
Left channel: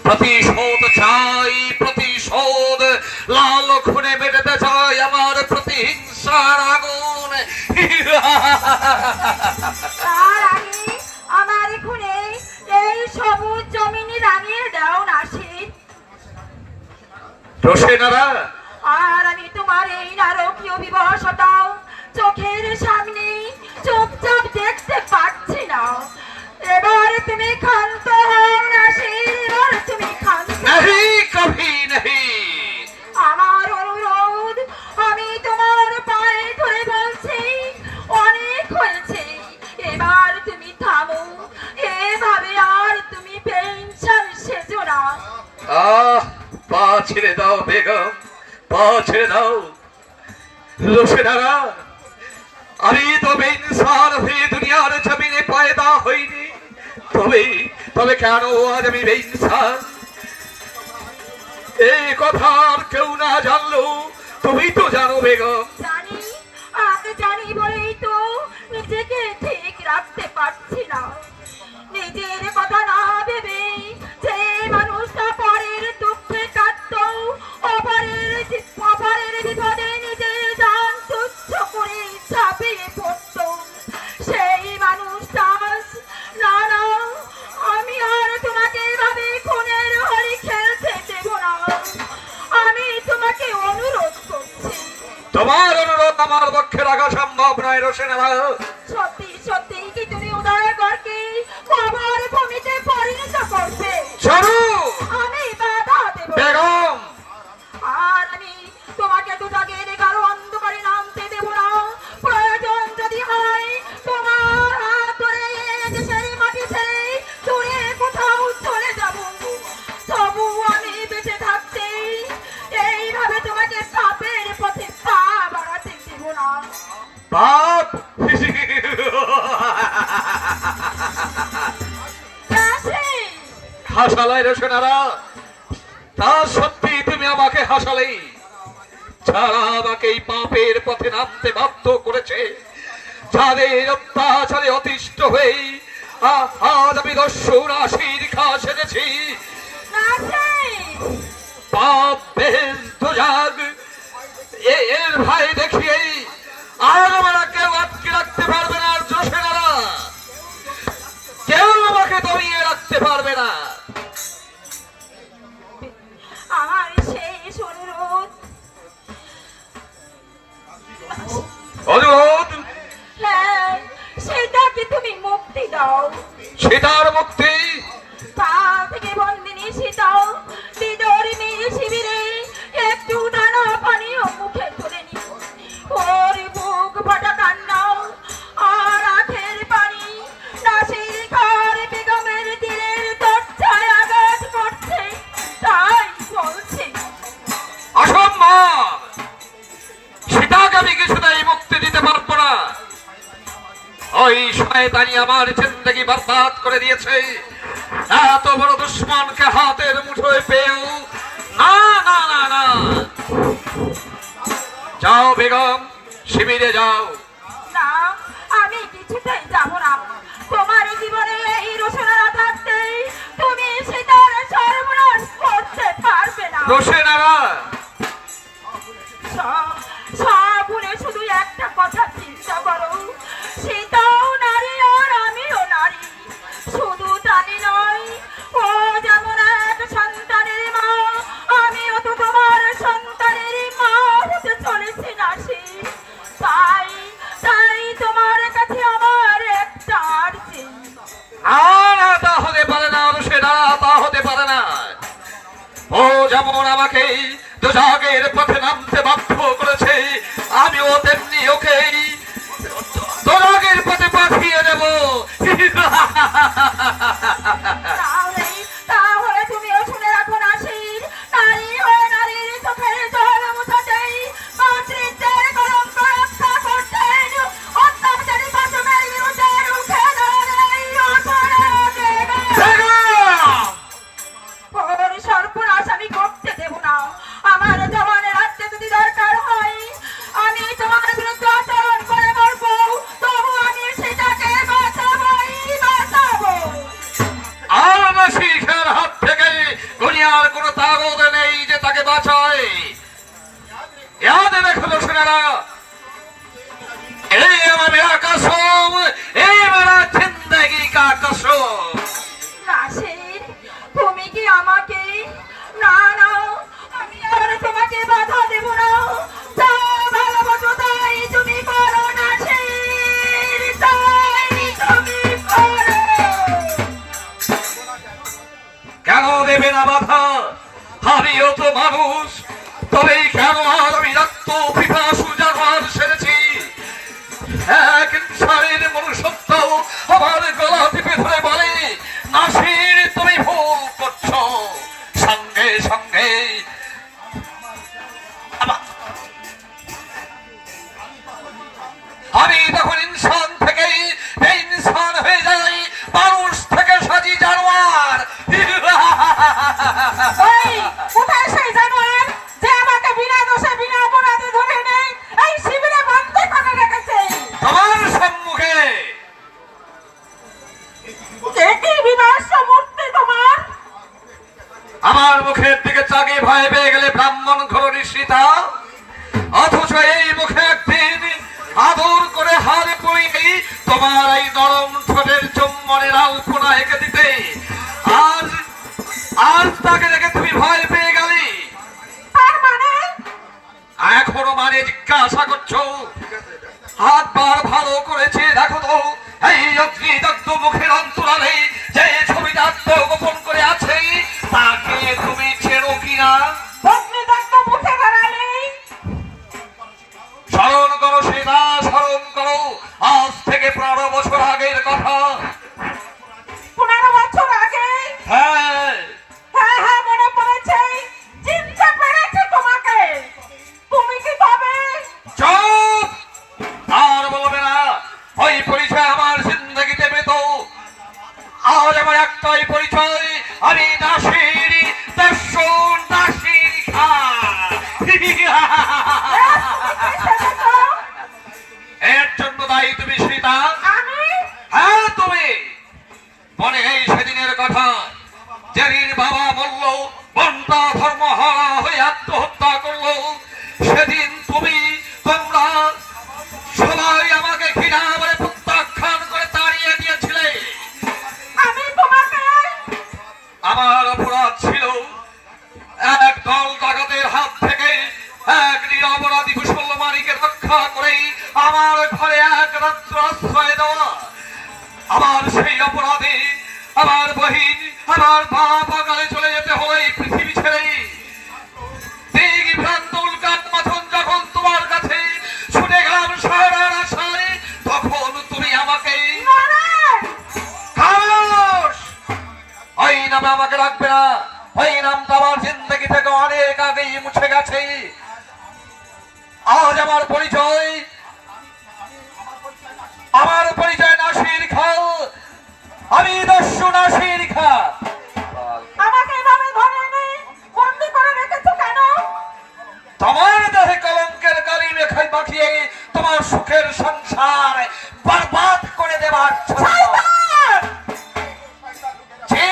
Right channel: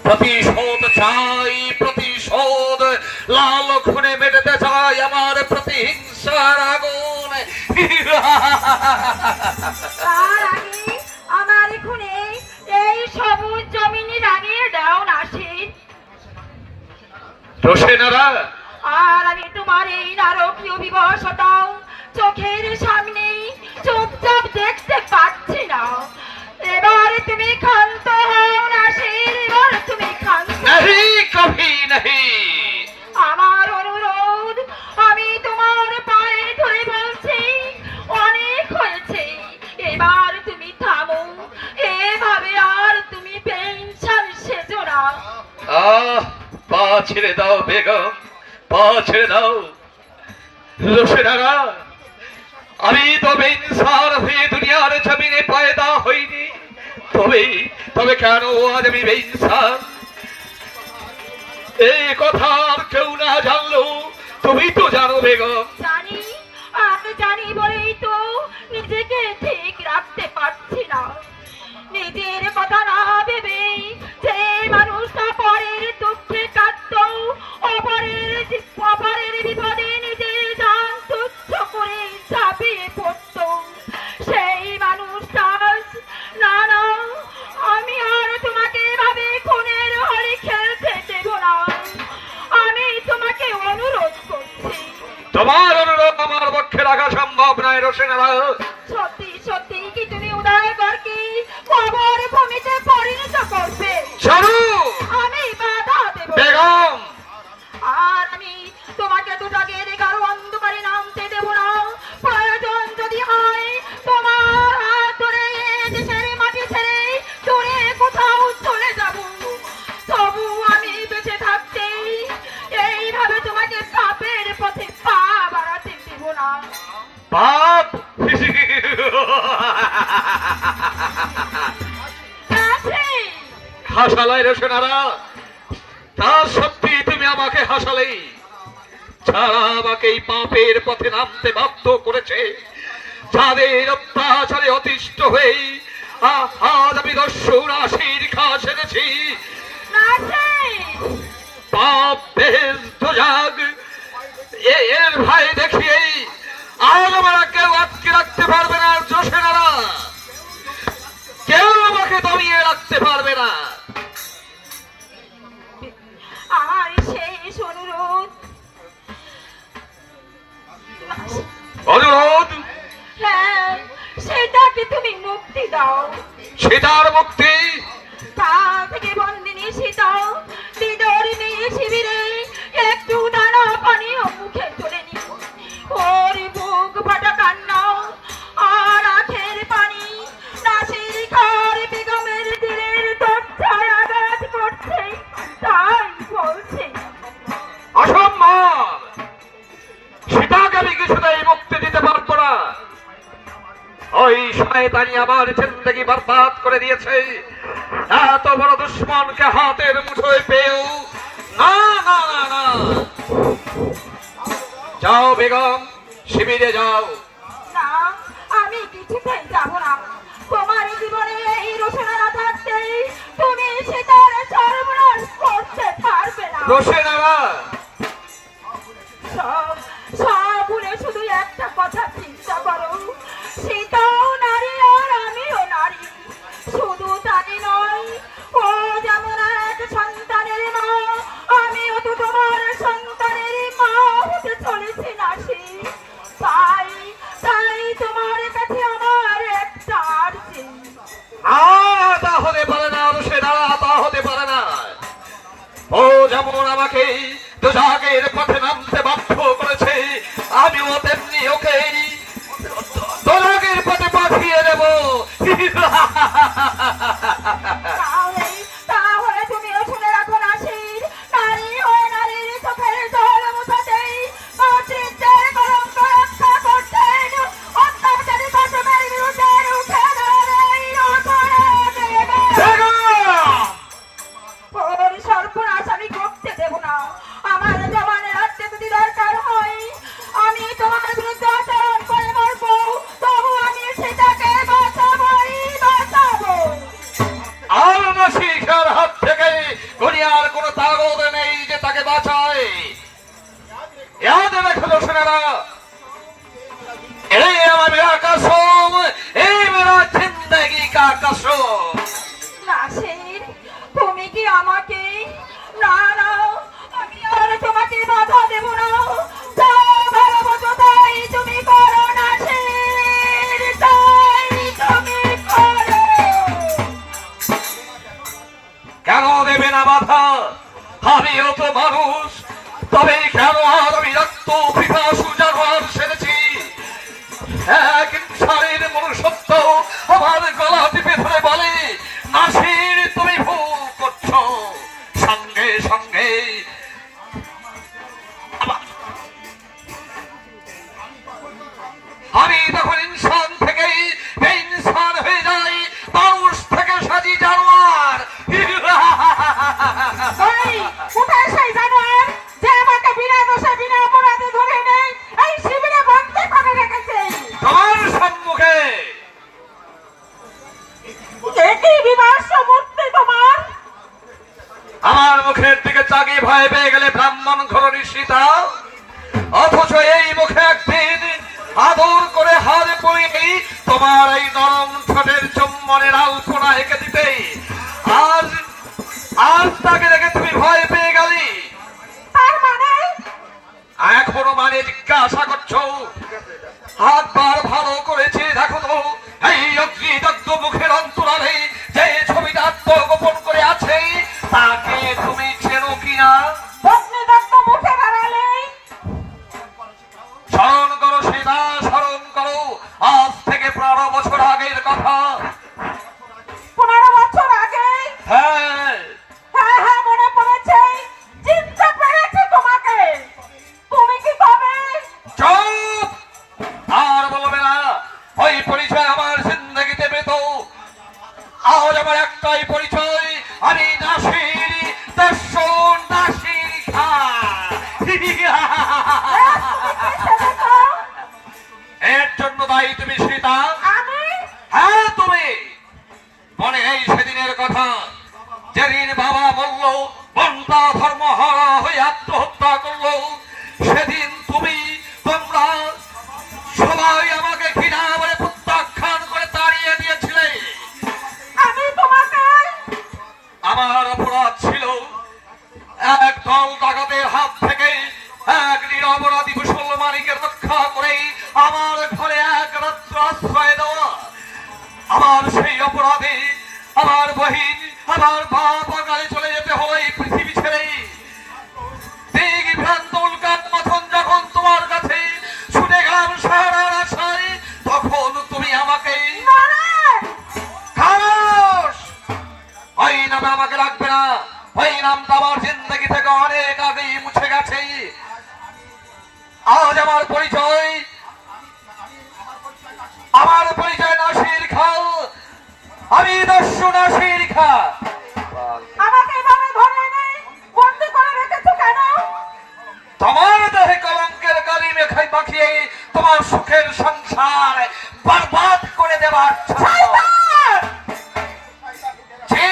প্রতিশোধ চাই, প্রতিশোধ, লাল খুনে মেটাতে চাই আমার প্রতিহিংসার আগুন। তার আগে আমার খুনে এই সবুজ জমিন রাঙিয়ে দাও নাসির। রোশেনারা, আর আমি তোমার এই নারকীয় বিবশতা চোখের সামনে চুপচাপ দেখতে পাচ্ছি না। এবার তুমি ক্ষান্ত হও নাসির, এবার তুমি ক্ষান্ত। नहीं कभी नहीं। আমার অনুরোধ, আমি তোমার পায়ে ধরে বলছি, অনেক হয়েছে, এবার তুমি থামো। এভাবে আর তুমি পেনশন সেজো না। পা ছেড়ে দাও বেগম, পা ছেড়ে দাও। রোশেনারা, আমি তো বেইনসার হয়ে দুনিয়ার জমিনে পয়দা হইনি, তবে কেন আজ আমি বেইনসার এই কথা আর কেউ না জানলো তুমি তো জানো বেগম। জানি, আমি জানি বলেই তো নিজেকে ঠিক রাখতে পারছি না। নিজের কথা না ভেবে যে মানুষটা পরের দুঃখে কাঁদত, অপরের বিপদে নিজের জান তুচ্ছ করে ঝাঁপিয়ে পড়ত, সেই মানুষটা না না, আমি আর তোমাকে এভাবে খুনের হলে খেলতে দেব না। আমি তোমাকে অনুরোধ করছি। তোমার অনুরোধ আমার পক্ষে রাখা সম্ভব নয় রোশেনারা। সত্যি সত্যি কি তুমি উদয়গড়কে কবর ভূমিতে পরিণত করবে? জরুর আমি বাধা দেব না। বেগম। আর আমি তোমাকে দুটাগের গাঢ় অন্ধকারে নামতে দেব না। প্রয়োজন যদি হয় তোমার হাত ধরে দেশের মাটি ছেড়ে দূরে কোথাও চলে যাব, তবু আমি বেঁচে থাকতে এইভাবে তোমাকে পাপের পথে পা বাড়াতে দেব না। পাপ হাসালাই রোশেনারা, তা সত্যি তুমি আমাকে হাসালে, যারা আমাকে এই পাপের পথে নামতে বাধ্য করেছে, যাদের অত্যাচারে অতিষ্ঠ হয়ে আজ আমি দস্যুর আশির খা সেরেছি। পাপ বেশ দোজাগ এর ভাই দেখিয়ে আর আমরা কেউ আটকে রাখতে পারবে না। জোসেনারা কেউ আমাকে দমিয়ে রাখতে পারবে না। আমার শেষ অনুরোধ, অনুরোধ, হ্যাঁ, সেটাকে তুমি মুক্তি দাও। সীতার মুক্তি? তা থেকে বন্দিনী সীতা বিদর্মী শিবিরে একটু দানা পানীয় মুখে তুলে নি, ওর বুক ফাটা কান্না আর আখের পানি নাসির খার বেগমের দিলের দরজায় আঘাত করছে। তাই বলছে অসম্ভব, সীতাকে আমি কিছুতেই মুক্তি দিতে পারবো না। ওই শয়তানি আমার জিন্দগি বরবাদ করে দিয়েছে। এত বড় দুশ্মনকে হাতের মুঠোয় পেয়েও না না না না। যাও বেগম, শিবিরে যাও। না, আমি কিছুতেই যাব না। তোমার জীবনে এই রোশনারা থাকতে তুমি সীতার সর্বনাশ করতে পারবে না। রোশনারা সব ভুলে শুধু একটা কথা চিন্তা করো, সীতাও নারী আর আমিও নারী। শুধু তাই নয়, ও যেমন এক সন্তানের মা, আমিও তো তোমার সন্তানের মা হতে চলেছি নাসি। তাই তাই তোমার কাছে আমার একটা আর্জি। তা হতে পারে না রোশনারা, তা হতে পারে না। ও যেমন আমাকে দোজাগের পথে নামতে বাধ্য করেছে, আমিও তেমনি ওকে দোজাগের পথে পাঠিয়ে দেব। তাহলে তুমিও শুনে রাখো নাসির, নারী হয়ে নারীর চোখের জল মুছাতেই, মাতৃত্বের কলঙ্ক রক্ষা করতেন, অত্যাচারী শাসনের বিরুদ্ধে রুখে দাঁড়াই অপরাধের ওর সর্বনাশ আমি করতে দেব না। আমার জবানের রাখতে যদি দরকার হয়, আমি তোমার বিরুদ্ধে আচরণ করে মরবো, তবু আমি সেটাকে বাঁচাবোই বাঁচাবো। আর নাসির খাঁর হাত থেকে দুনিয়ার কোনো তাগদ নেই যে তাকে বাঁচায়। याद रखो রোশনারা, এই আমার মেরা কসম, এই মেরা জিন্দগি কা কসম। নাসির, তুমি কি আমাকে? না না, আমি আর তোমাকে বাধা দেব না। যা ভালোবাসো তাই তুমি করো নাসির, তাই তুমি করো। কেন দেবে না বাধা? আমিও তো মানুষ, তবে কেন আর আমি রক্ত পিপাসু জানোয়ার সেরেছি? এক ইনসানের মনুষ্যত্ব আমার গলা টিপে ধরে বলে, নাসির তুমি ভুল করছো। সঙ্গে সঙ্গে আমি তখন ইনসান থেকে বেইনসান হয়ে যাই, মানুষ থেকে সাজি জানোয়ার। এই, কোথায় সেই জানোয়ার যে আমাকে বিনা দোষে বিনা অপরাধে ধরে নেই এই শিবিরে বন্দী করে রেখেছে? তোমার সম্মুখে। কি বিবাস মূর্তি তোমার? আমার মুখের দিকে চাগিয়ে ভয় পেয়ে গেলে ব্রাহ্মণ ঘরণী সীতা, অথচ এই মুখে একদিন আদর করে হারে পড়িনি তোমার এই নরম ঠোঁটের চুম্বনের আলপনা এঁকে দিতে। আজ আজ তাকে দেখে তুমি ভয় পেয়ে গেলে। তার মানে এখনো মানে জিজ্ঞাসা করছো? হাতবার ভালো করেছে দেখো তো, এই অগ্নিদগ্ধ মুখের অন্তরালে যে ছবিটা আত্মগোপন করে আছে, তাকে তুমি চেনো কিনা? অগ্নিদগ্ধ মুখে দাঁড়ালে স্মরণ করো সেটা, স্মরণ করো। আজ থেকে 15 বছর আগের কথা। 15 বছর আগে? হ্যাঁ, হ্যাঁ হ্যাঁ, মনে পড়েছে, চিনতে পেরেছি তোমাকে। তুমি কি তবে? চুপ! আর বলবে না। ওই পরিচয় আমার জিন্দগিতে পেত। আজ আমার একটাই পরিচয়, আমি নাসির, দর্শন। আমার ঘরে এক রাত্র আশ্রয় দেওয়া, আমার সেই অপরাধে আমার বহিন আমার বাপ আগালে চলে যেতে হয় এই পৃথিবী ছেড়ে। দিঘি ভ্রান্ত উল্কার মতন যখন তোমার কাছে ছুটে গেলাম সারার আশায়, তখন তুমি আমাকে খামোশ, ওই নামে আমাকে রাখবে না। ওই নামটা আমার জিন্দগি থেকে অনেক আগেই মুছে গেছে। আজ আমার পরিচয় নাসির খা। আমি দস্যু নাসির খা। আমাকে এভাবে ধরে এনে বন্দি করে রেখেছো কেন? তোমার দেহে কলঙ্কের কালি মেখাই মাখিয়ে তোমার সুখের সংসার বরবাদ করে দেবার জন্য। জি,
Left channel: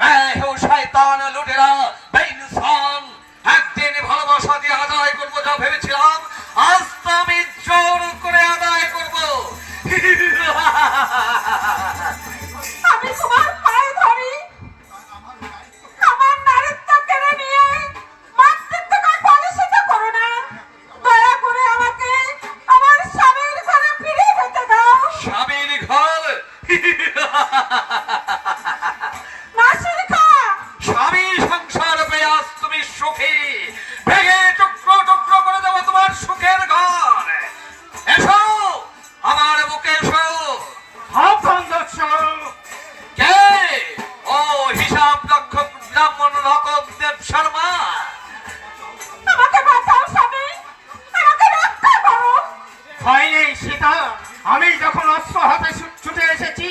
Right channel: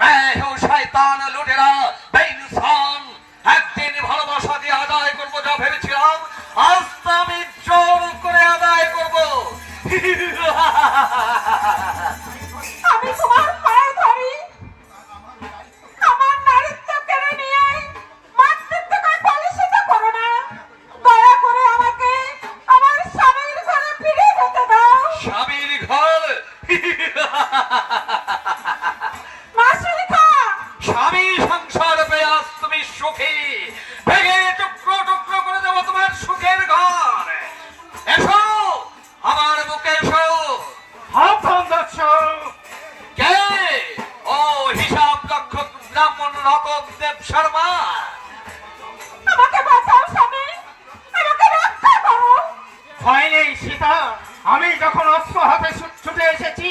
मैं हूँ শয়তান লুটেরা বেইনসান। একদিন ভালোবাসা দিয়ে আদায় করবো যা ভেবেছিলাম, আজ তো আমি জোর করে আদায় করবো। আমি তোমার পায়ে ধরি, আমার নারীত্ব কেড়ে নিয়ে মাতৃত্বকে কলুষিত করো না। দয়া করে আমাকে আমার স্বামীর ঘরে ফিরে যেতে দাও। স্বামীর ঘর? নাসির খা, স্বামী সংসার পেয়ে আজ তুমি সুখী, ভেঙে টুকরো টুকরো করে দেবো তোমার সুখের ঘর। এসো আমার বুকে এসো। কে? ও হিসাব রক্ষক ব্রাহ্মণ রতন দেব শর্মা। আমাকে বাঁচাও স্বামী, আমাকে রক্ষা করো। ভয় নেই সীতা, আমি যখন অস্ত্র হাতে ছুটে এসেছি,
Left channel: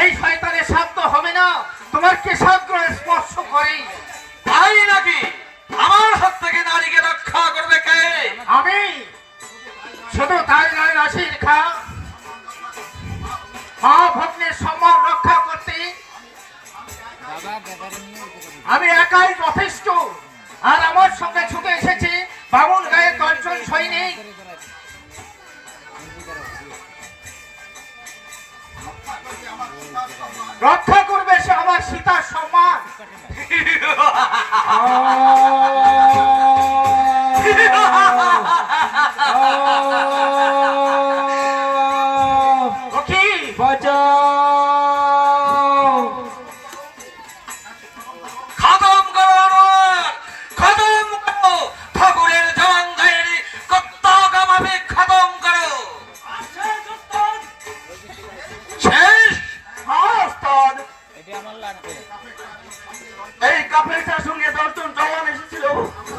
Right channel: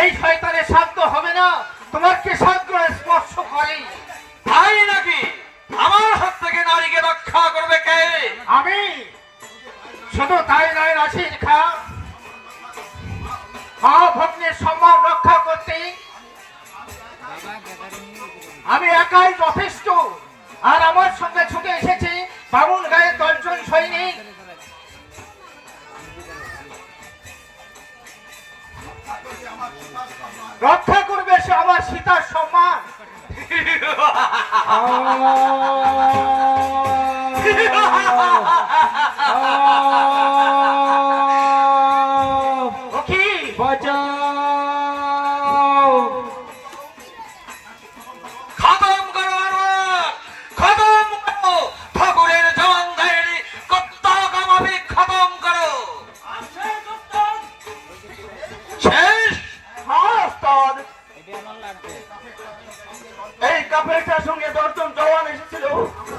এই শয়তানের সাধ্য হবে না তোমার কেশাগ্রে স্পর্শ করে। তাই নাকি? আমার হাত থেকে নারীকে রক্ষা করবে কে? আমি। শুধু তাই নয় নাসির খা, মা ভগ্নের সম্মান রক্ষা করতে আমি একাই যথেষ্ট। আর আমার সঙ্গে ছুটে এসেছে বামুন গায়ের 10 জন সৈনিক। রক্ষা করবে সে আমার সীতার সম্মান। কি খতম করো আনোয়ার, খতম করো। ঠাকুরের জঙ্গায়ের কত্তক আমাকে খতম করো। শেষ? এই কাফেরটার সঙ্গে 10 জন জওয়ান এসেছিল,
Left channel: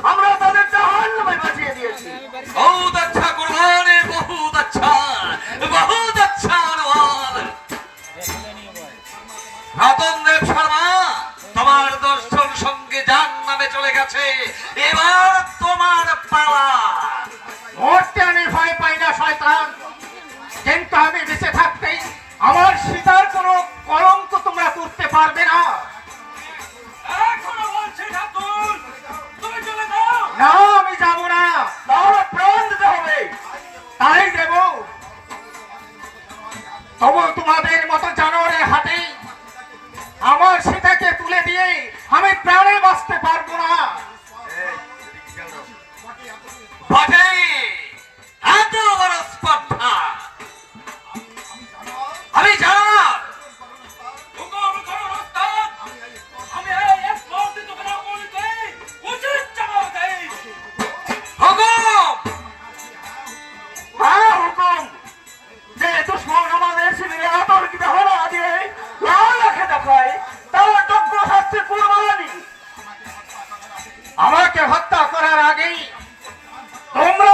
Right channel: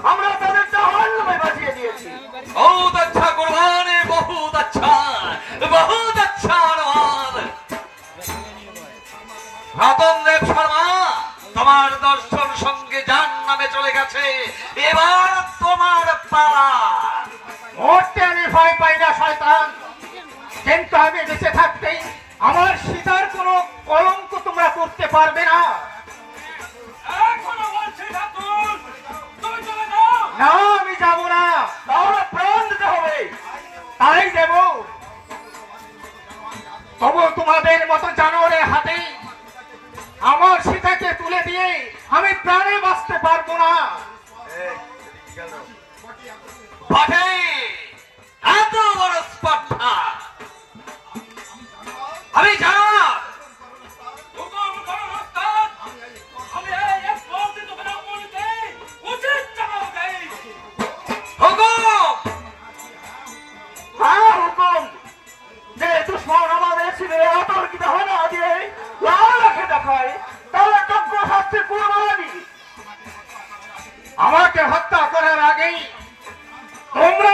আমরা তাদের জাহান্নামে বাঁচিয়ে দিয়েছি। बहुत अच्छा कुर्बान है, बहुत अच्छा আনোয়ার। রতন দেব শর্মা, তোমার 10 জন সঙ্গে জাহান্নামে চলে গেছে, এবার তোমার পালা। মরতে আমি ভয় পাই না শয়তান, কিন্তু আমি বেঁচে থাকতেই আমার সীতার কোনো কলঙ্ক তোমরা করতে পারবে না। না, আমি যাব না। তাহলে প্রাণ দিতে হবে। তাই দেব। তবু তোমাদের মতো জানোয়ারের হাতে আমার সীতাকে তুলে দিয়ে আমি প্রাণে বাঁচতে পারবো না। বটে, এত বড় স্পর্ধা। আমি জানোয়ার। হ্যাঁ হুকুম, যে দুশ্মন আমাদের শিবিরে আতর্কিত হওয়া দিয়ে লাল রেখে দেখায়, তাহলে যোগ্য শাস্তি কুরবানি। আমাকে হত্যা করার আগেই তোমরা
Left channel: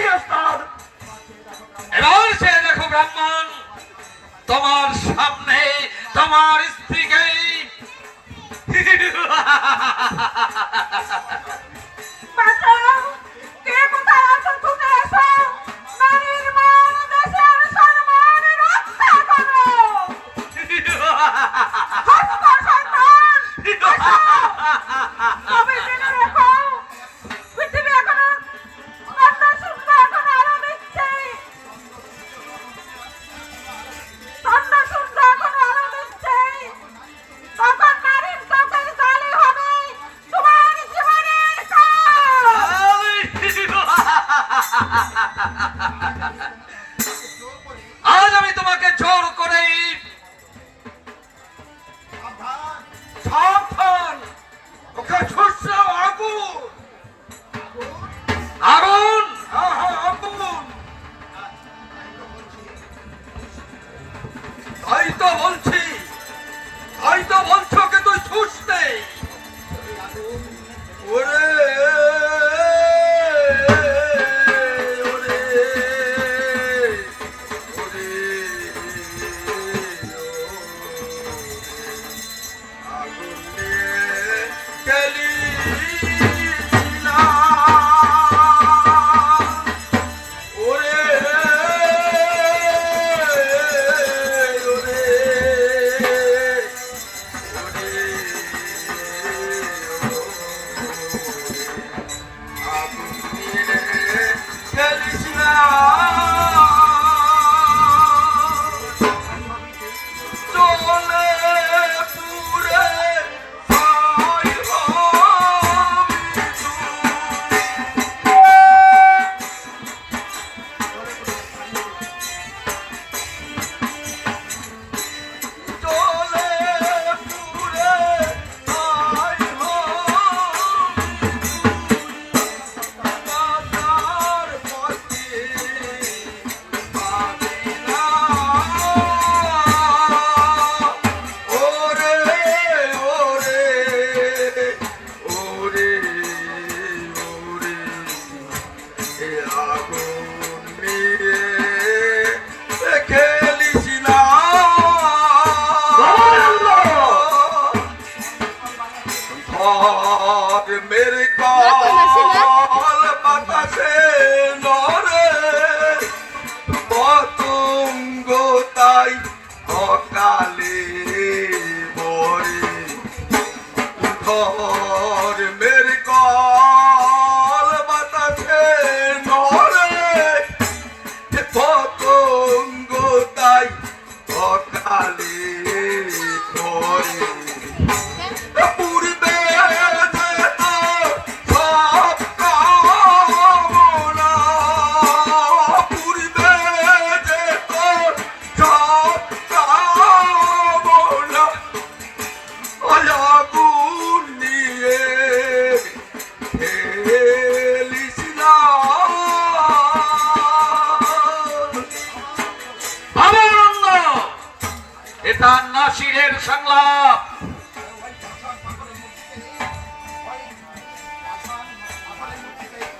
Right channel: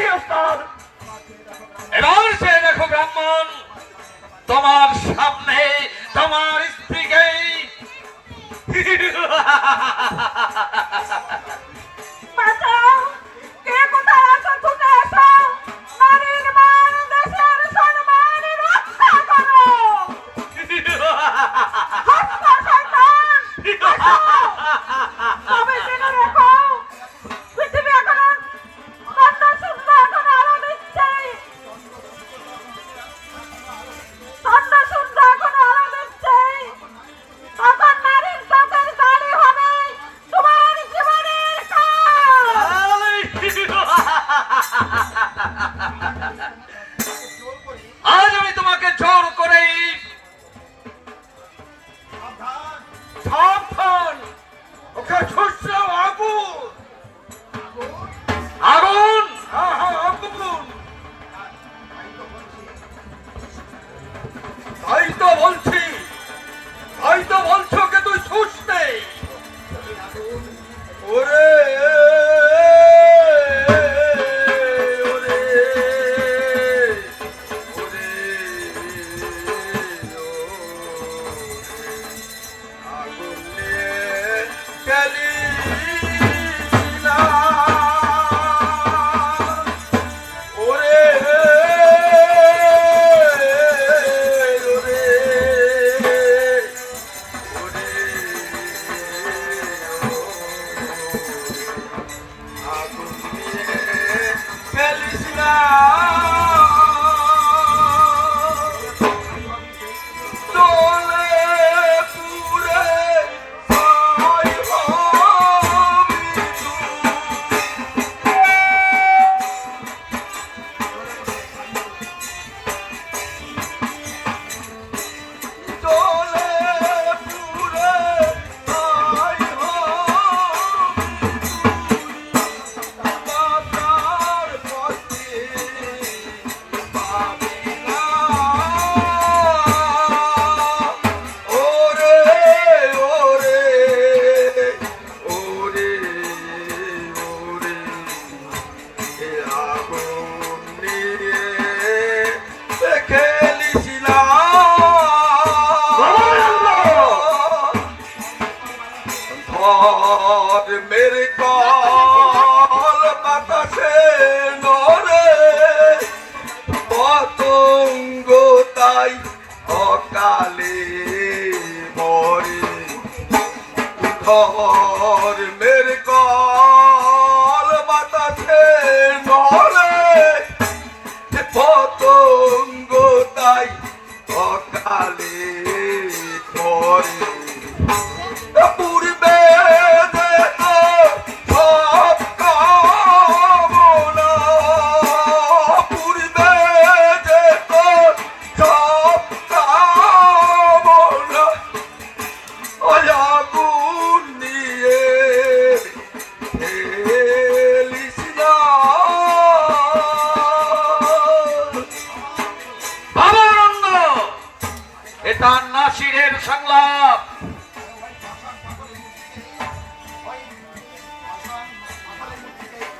জি ওস্তাদ। এবার সে দেখো ব্রাহ্মণ, তোমার সামনে তোমার স্ত্রীকে বাঁচাও, কে কোথায় আছো ছুটে এসো, নারীর মান দেশের সম্মান রক্ষা করো। হত্যা শয়তান, এসো। তবে জেনে রেখো, পৃথিবী এখন কন্যা সুন্দর করে আলো দিচ্ছে। কন্যা সুন্দর করে আলো দিচ্ছে। তখন নারীর চোখের জালি হবে তোমার জীবনের কাল। আজ আমি তোমাকে জোর করে সাবধান, ওকে ছুটছে আগুন, আগুন, আগুন। তাই তো বলছি, তাই তো বলছি ওকে তুই ছুটতে। ওরে मेरे कॉल বাতাসে নরে পতঙ্গ তাই অকালে মরে ধর মেরে কল বাতাসে নরে পতঙ্গ তাই অকালে মরে পূর্বে এটা নাসিরের সংলাপ।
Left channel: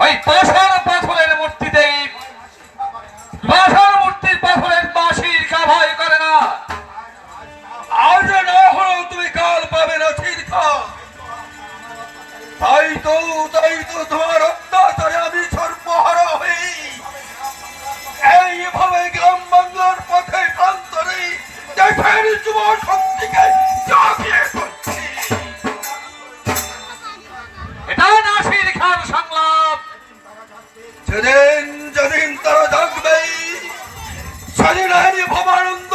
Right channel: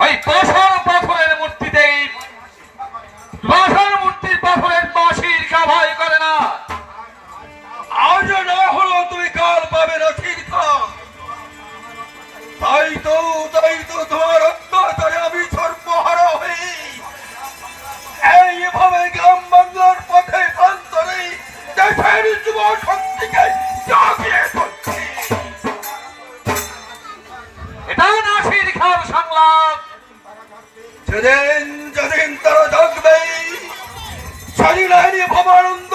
ওই পাথরের মূর্তিতে, পাথর মূর্তির পাথরের বাঁশির কা ভয় করে না। আজ না হলো তুই কাল পাবে না শিরকা। তাই তো তোমার অত্যাচারে আমি সর্বহারা হই। এইভাবে গ্রাম বাংলার পথে প্রান্তরে দেশের যুব শক্তিকে জাগিয়ে তুলছি। এটা নাসির খান সংলাপ। যেদিন যেদিন তারা থাকবে সেদিন আইনি ভবানন্দ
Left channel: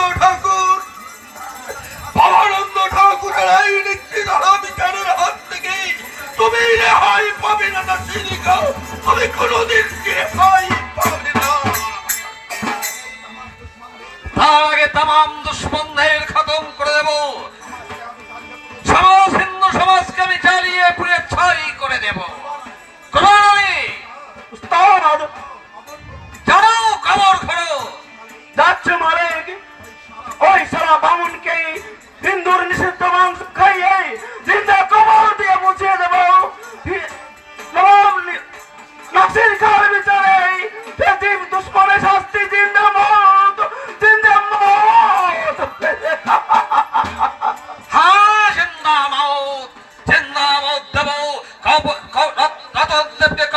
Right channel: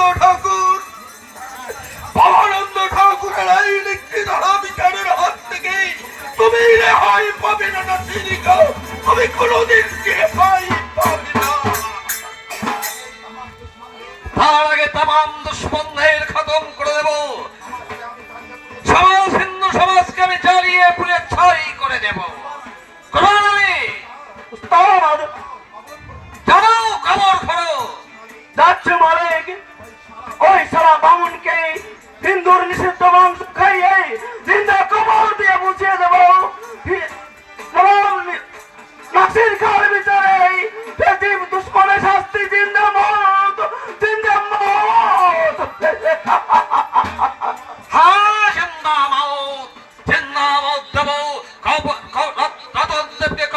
ঠাকুরের এই নিশ্চিত বিচারের হাত থেকে তুমি রেহাই পাবে না নাসির খান। তুমি কোনোদিন রেহাই পাবে না। তার আগে তাম দুশ্মনদের খতম করে দেব। সমাজ হিন্দু সমাজকে আমি জ্বালিয়ে পুড়ে ছাই করে দেব। জানো খবর করো যাচ্ছে মালিক, ওই সারা বামুনকে হিন্দুর নিষিদ্ধ মাংস খাইয়ে জিন্দা কবর দিয়ে মুছিয়ে দেব। নাসির খান বিচারে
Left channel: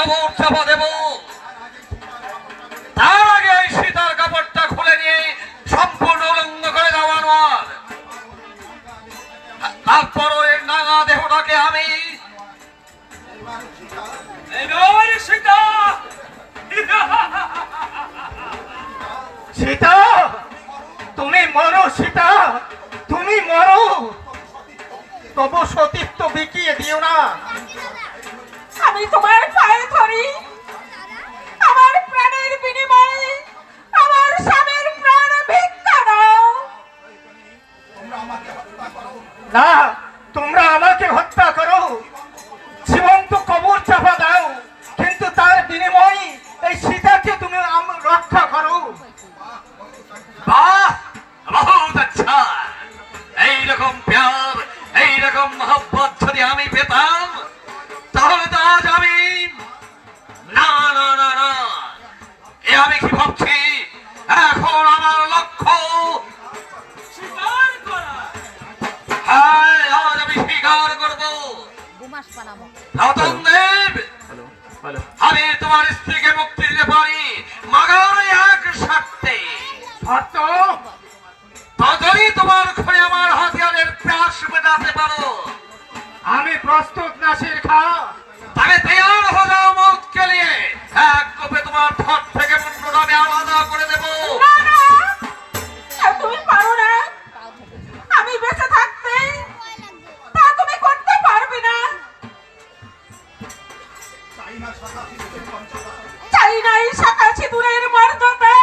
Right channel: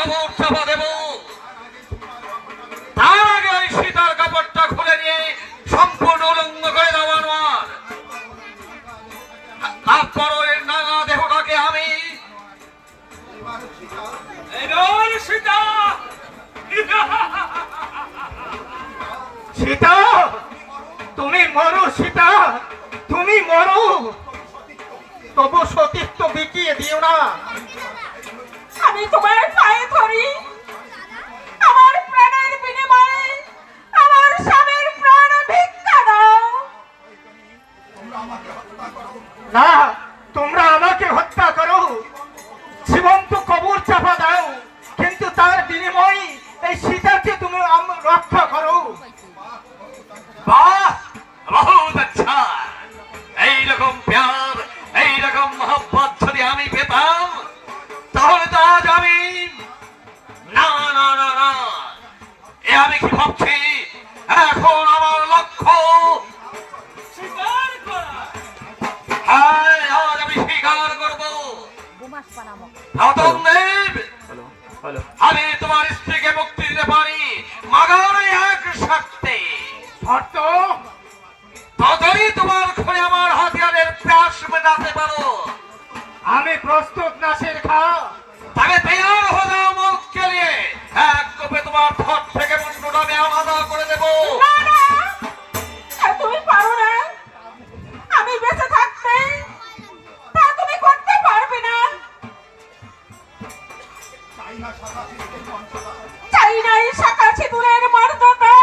কবর চাপা দেব, তার আগে এই সীতার কাপড়টা খুলে নিয়ে সম্পূর্ণ উলঙ্গ করে দেওয়া আমার। তারপর ওই নাঙা দেহটাকে আমি এবার সীতা সীতা, তুমি মরো সীতা, তুমি মরো, তবু সতীত্ব বিকিয়ে দিও না। আমি তোমার পায়ে ধরি, আমার প্রাণের বিনিময়ে আমার স্বামীর প্রাণ ভিক্ষা দাও। না, তোমরা আমাকে হত্যা করো, জীবন্ত কবর চাপা দাও, কিন্তু তার বিনিময়ে এই সীতাকে তুমি রক্ষা করো। বাহ, বহুত আচ্ছা। এইরকম প্যার, এইরকম মহব্বত যদি আমি পেতাম, তাহলে তো আজ আমি না না না না, এ আমি কি ভাবছি, এখন আমার লক্ষ্য স্বীকার করা। হ্যাঁ, আজ আমি স্বীকার করবো। রতনদেব, আমি তোমার স্ত্রীকে মুক্তি দিতে পারি, মাগার এক শর্তে। শর্ত? ততই তোমার ঘরে আমার হাতিয়ারের প্যাস মেটাতে পারো। আমি প্রস্তুত নাসির খা। তবে তৈয়ার হো যাও মুখকে নিয়ে, এক কোপে তোমার ঠোঁট থেকে মুন্ডটা আমি আলাদা করে দেবো। না, না, তুমি পারো না। আমি বেঁচে থাকতে তা তুমি করতে পারবে না। চাই না এই শাখা সিঁদুরের মর্যাদা,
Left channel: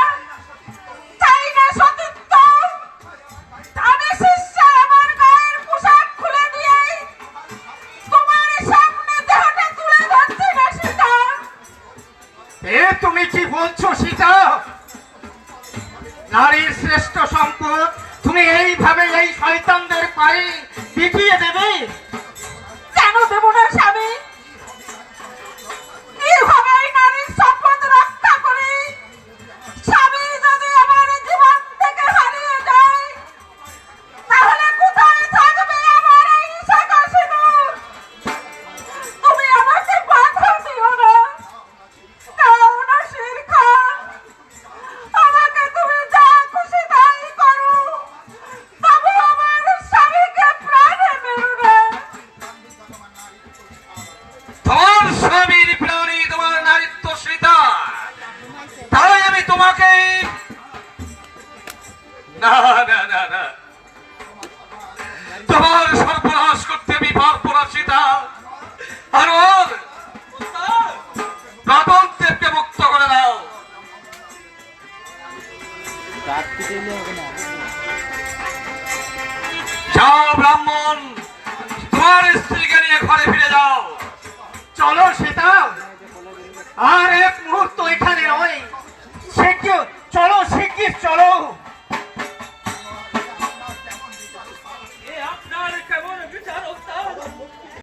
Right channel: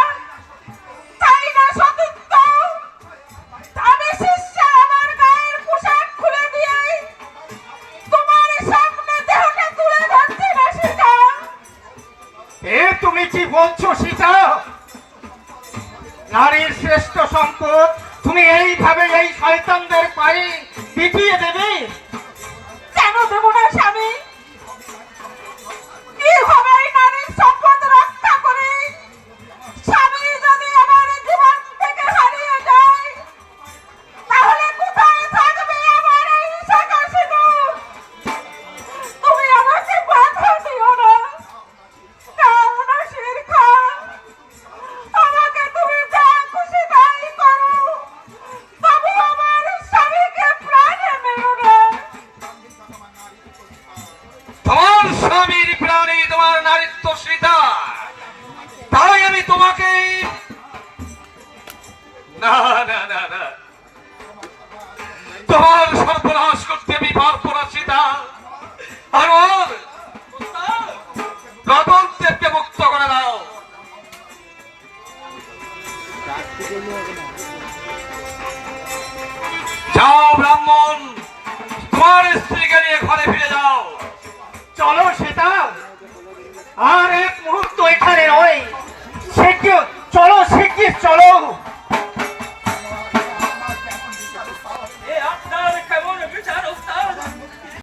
চাই না সতীত্ব। আমি শিষ্যা আমার গায়ের পোশাক খুলে দিয়ে তোমার সামনে দেহটা তুলে ধরছি না সীতা। এ তুমি কি বলছো সীতা? নারীর শ্রেষ্ঠ সম্পদ তুমি এইভাবে এই শয়তানদের পায়ে বিকিয়ে দেবে? কেন দেব না স্বামী? কিভাবে এই নারীর সম্পদ রক্ষা করি? স্বামী যদি আমার জীবন থেকে হারিয়ে যায়, তাহলে কোথায় থাকবে আমার এই শাখা সিঁদুর? তুমি আমাকে বাধা দিও না। নাও নাসির খা, আমাকে তুমি যা খুশি তাই করো, তবু আমার স্বামীকে প্রাণে মেরো না। তোমার স্বামীর প্রাণী তোমার নারীত্ব সীতা, তাই আমি তোমাকে না না না না, তোমার সর্বনাশ করতে আমি পারবো না সীতা। আর ওর রতনদেবকে মুক্ত করে দাও। যাও ব্রাহ্মণ, তোমার স্ত্রীকে নিয়ে ঘরে ফিরে যাও। চলো সীতা, আর এক মুহূর্ত এখানে নয়।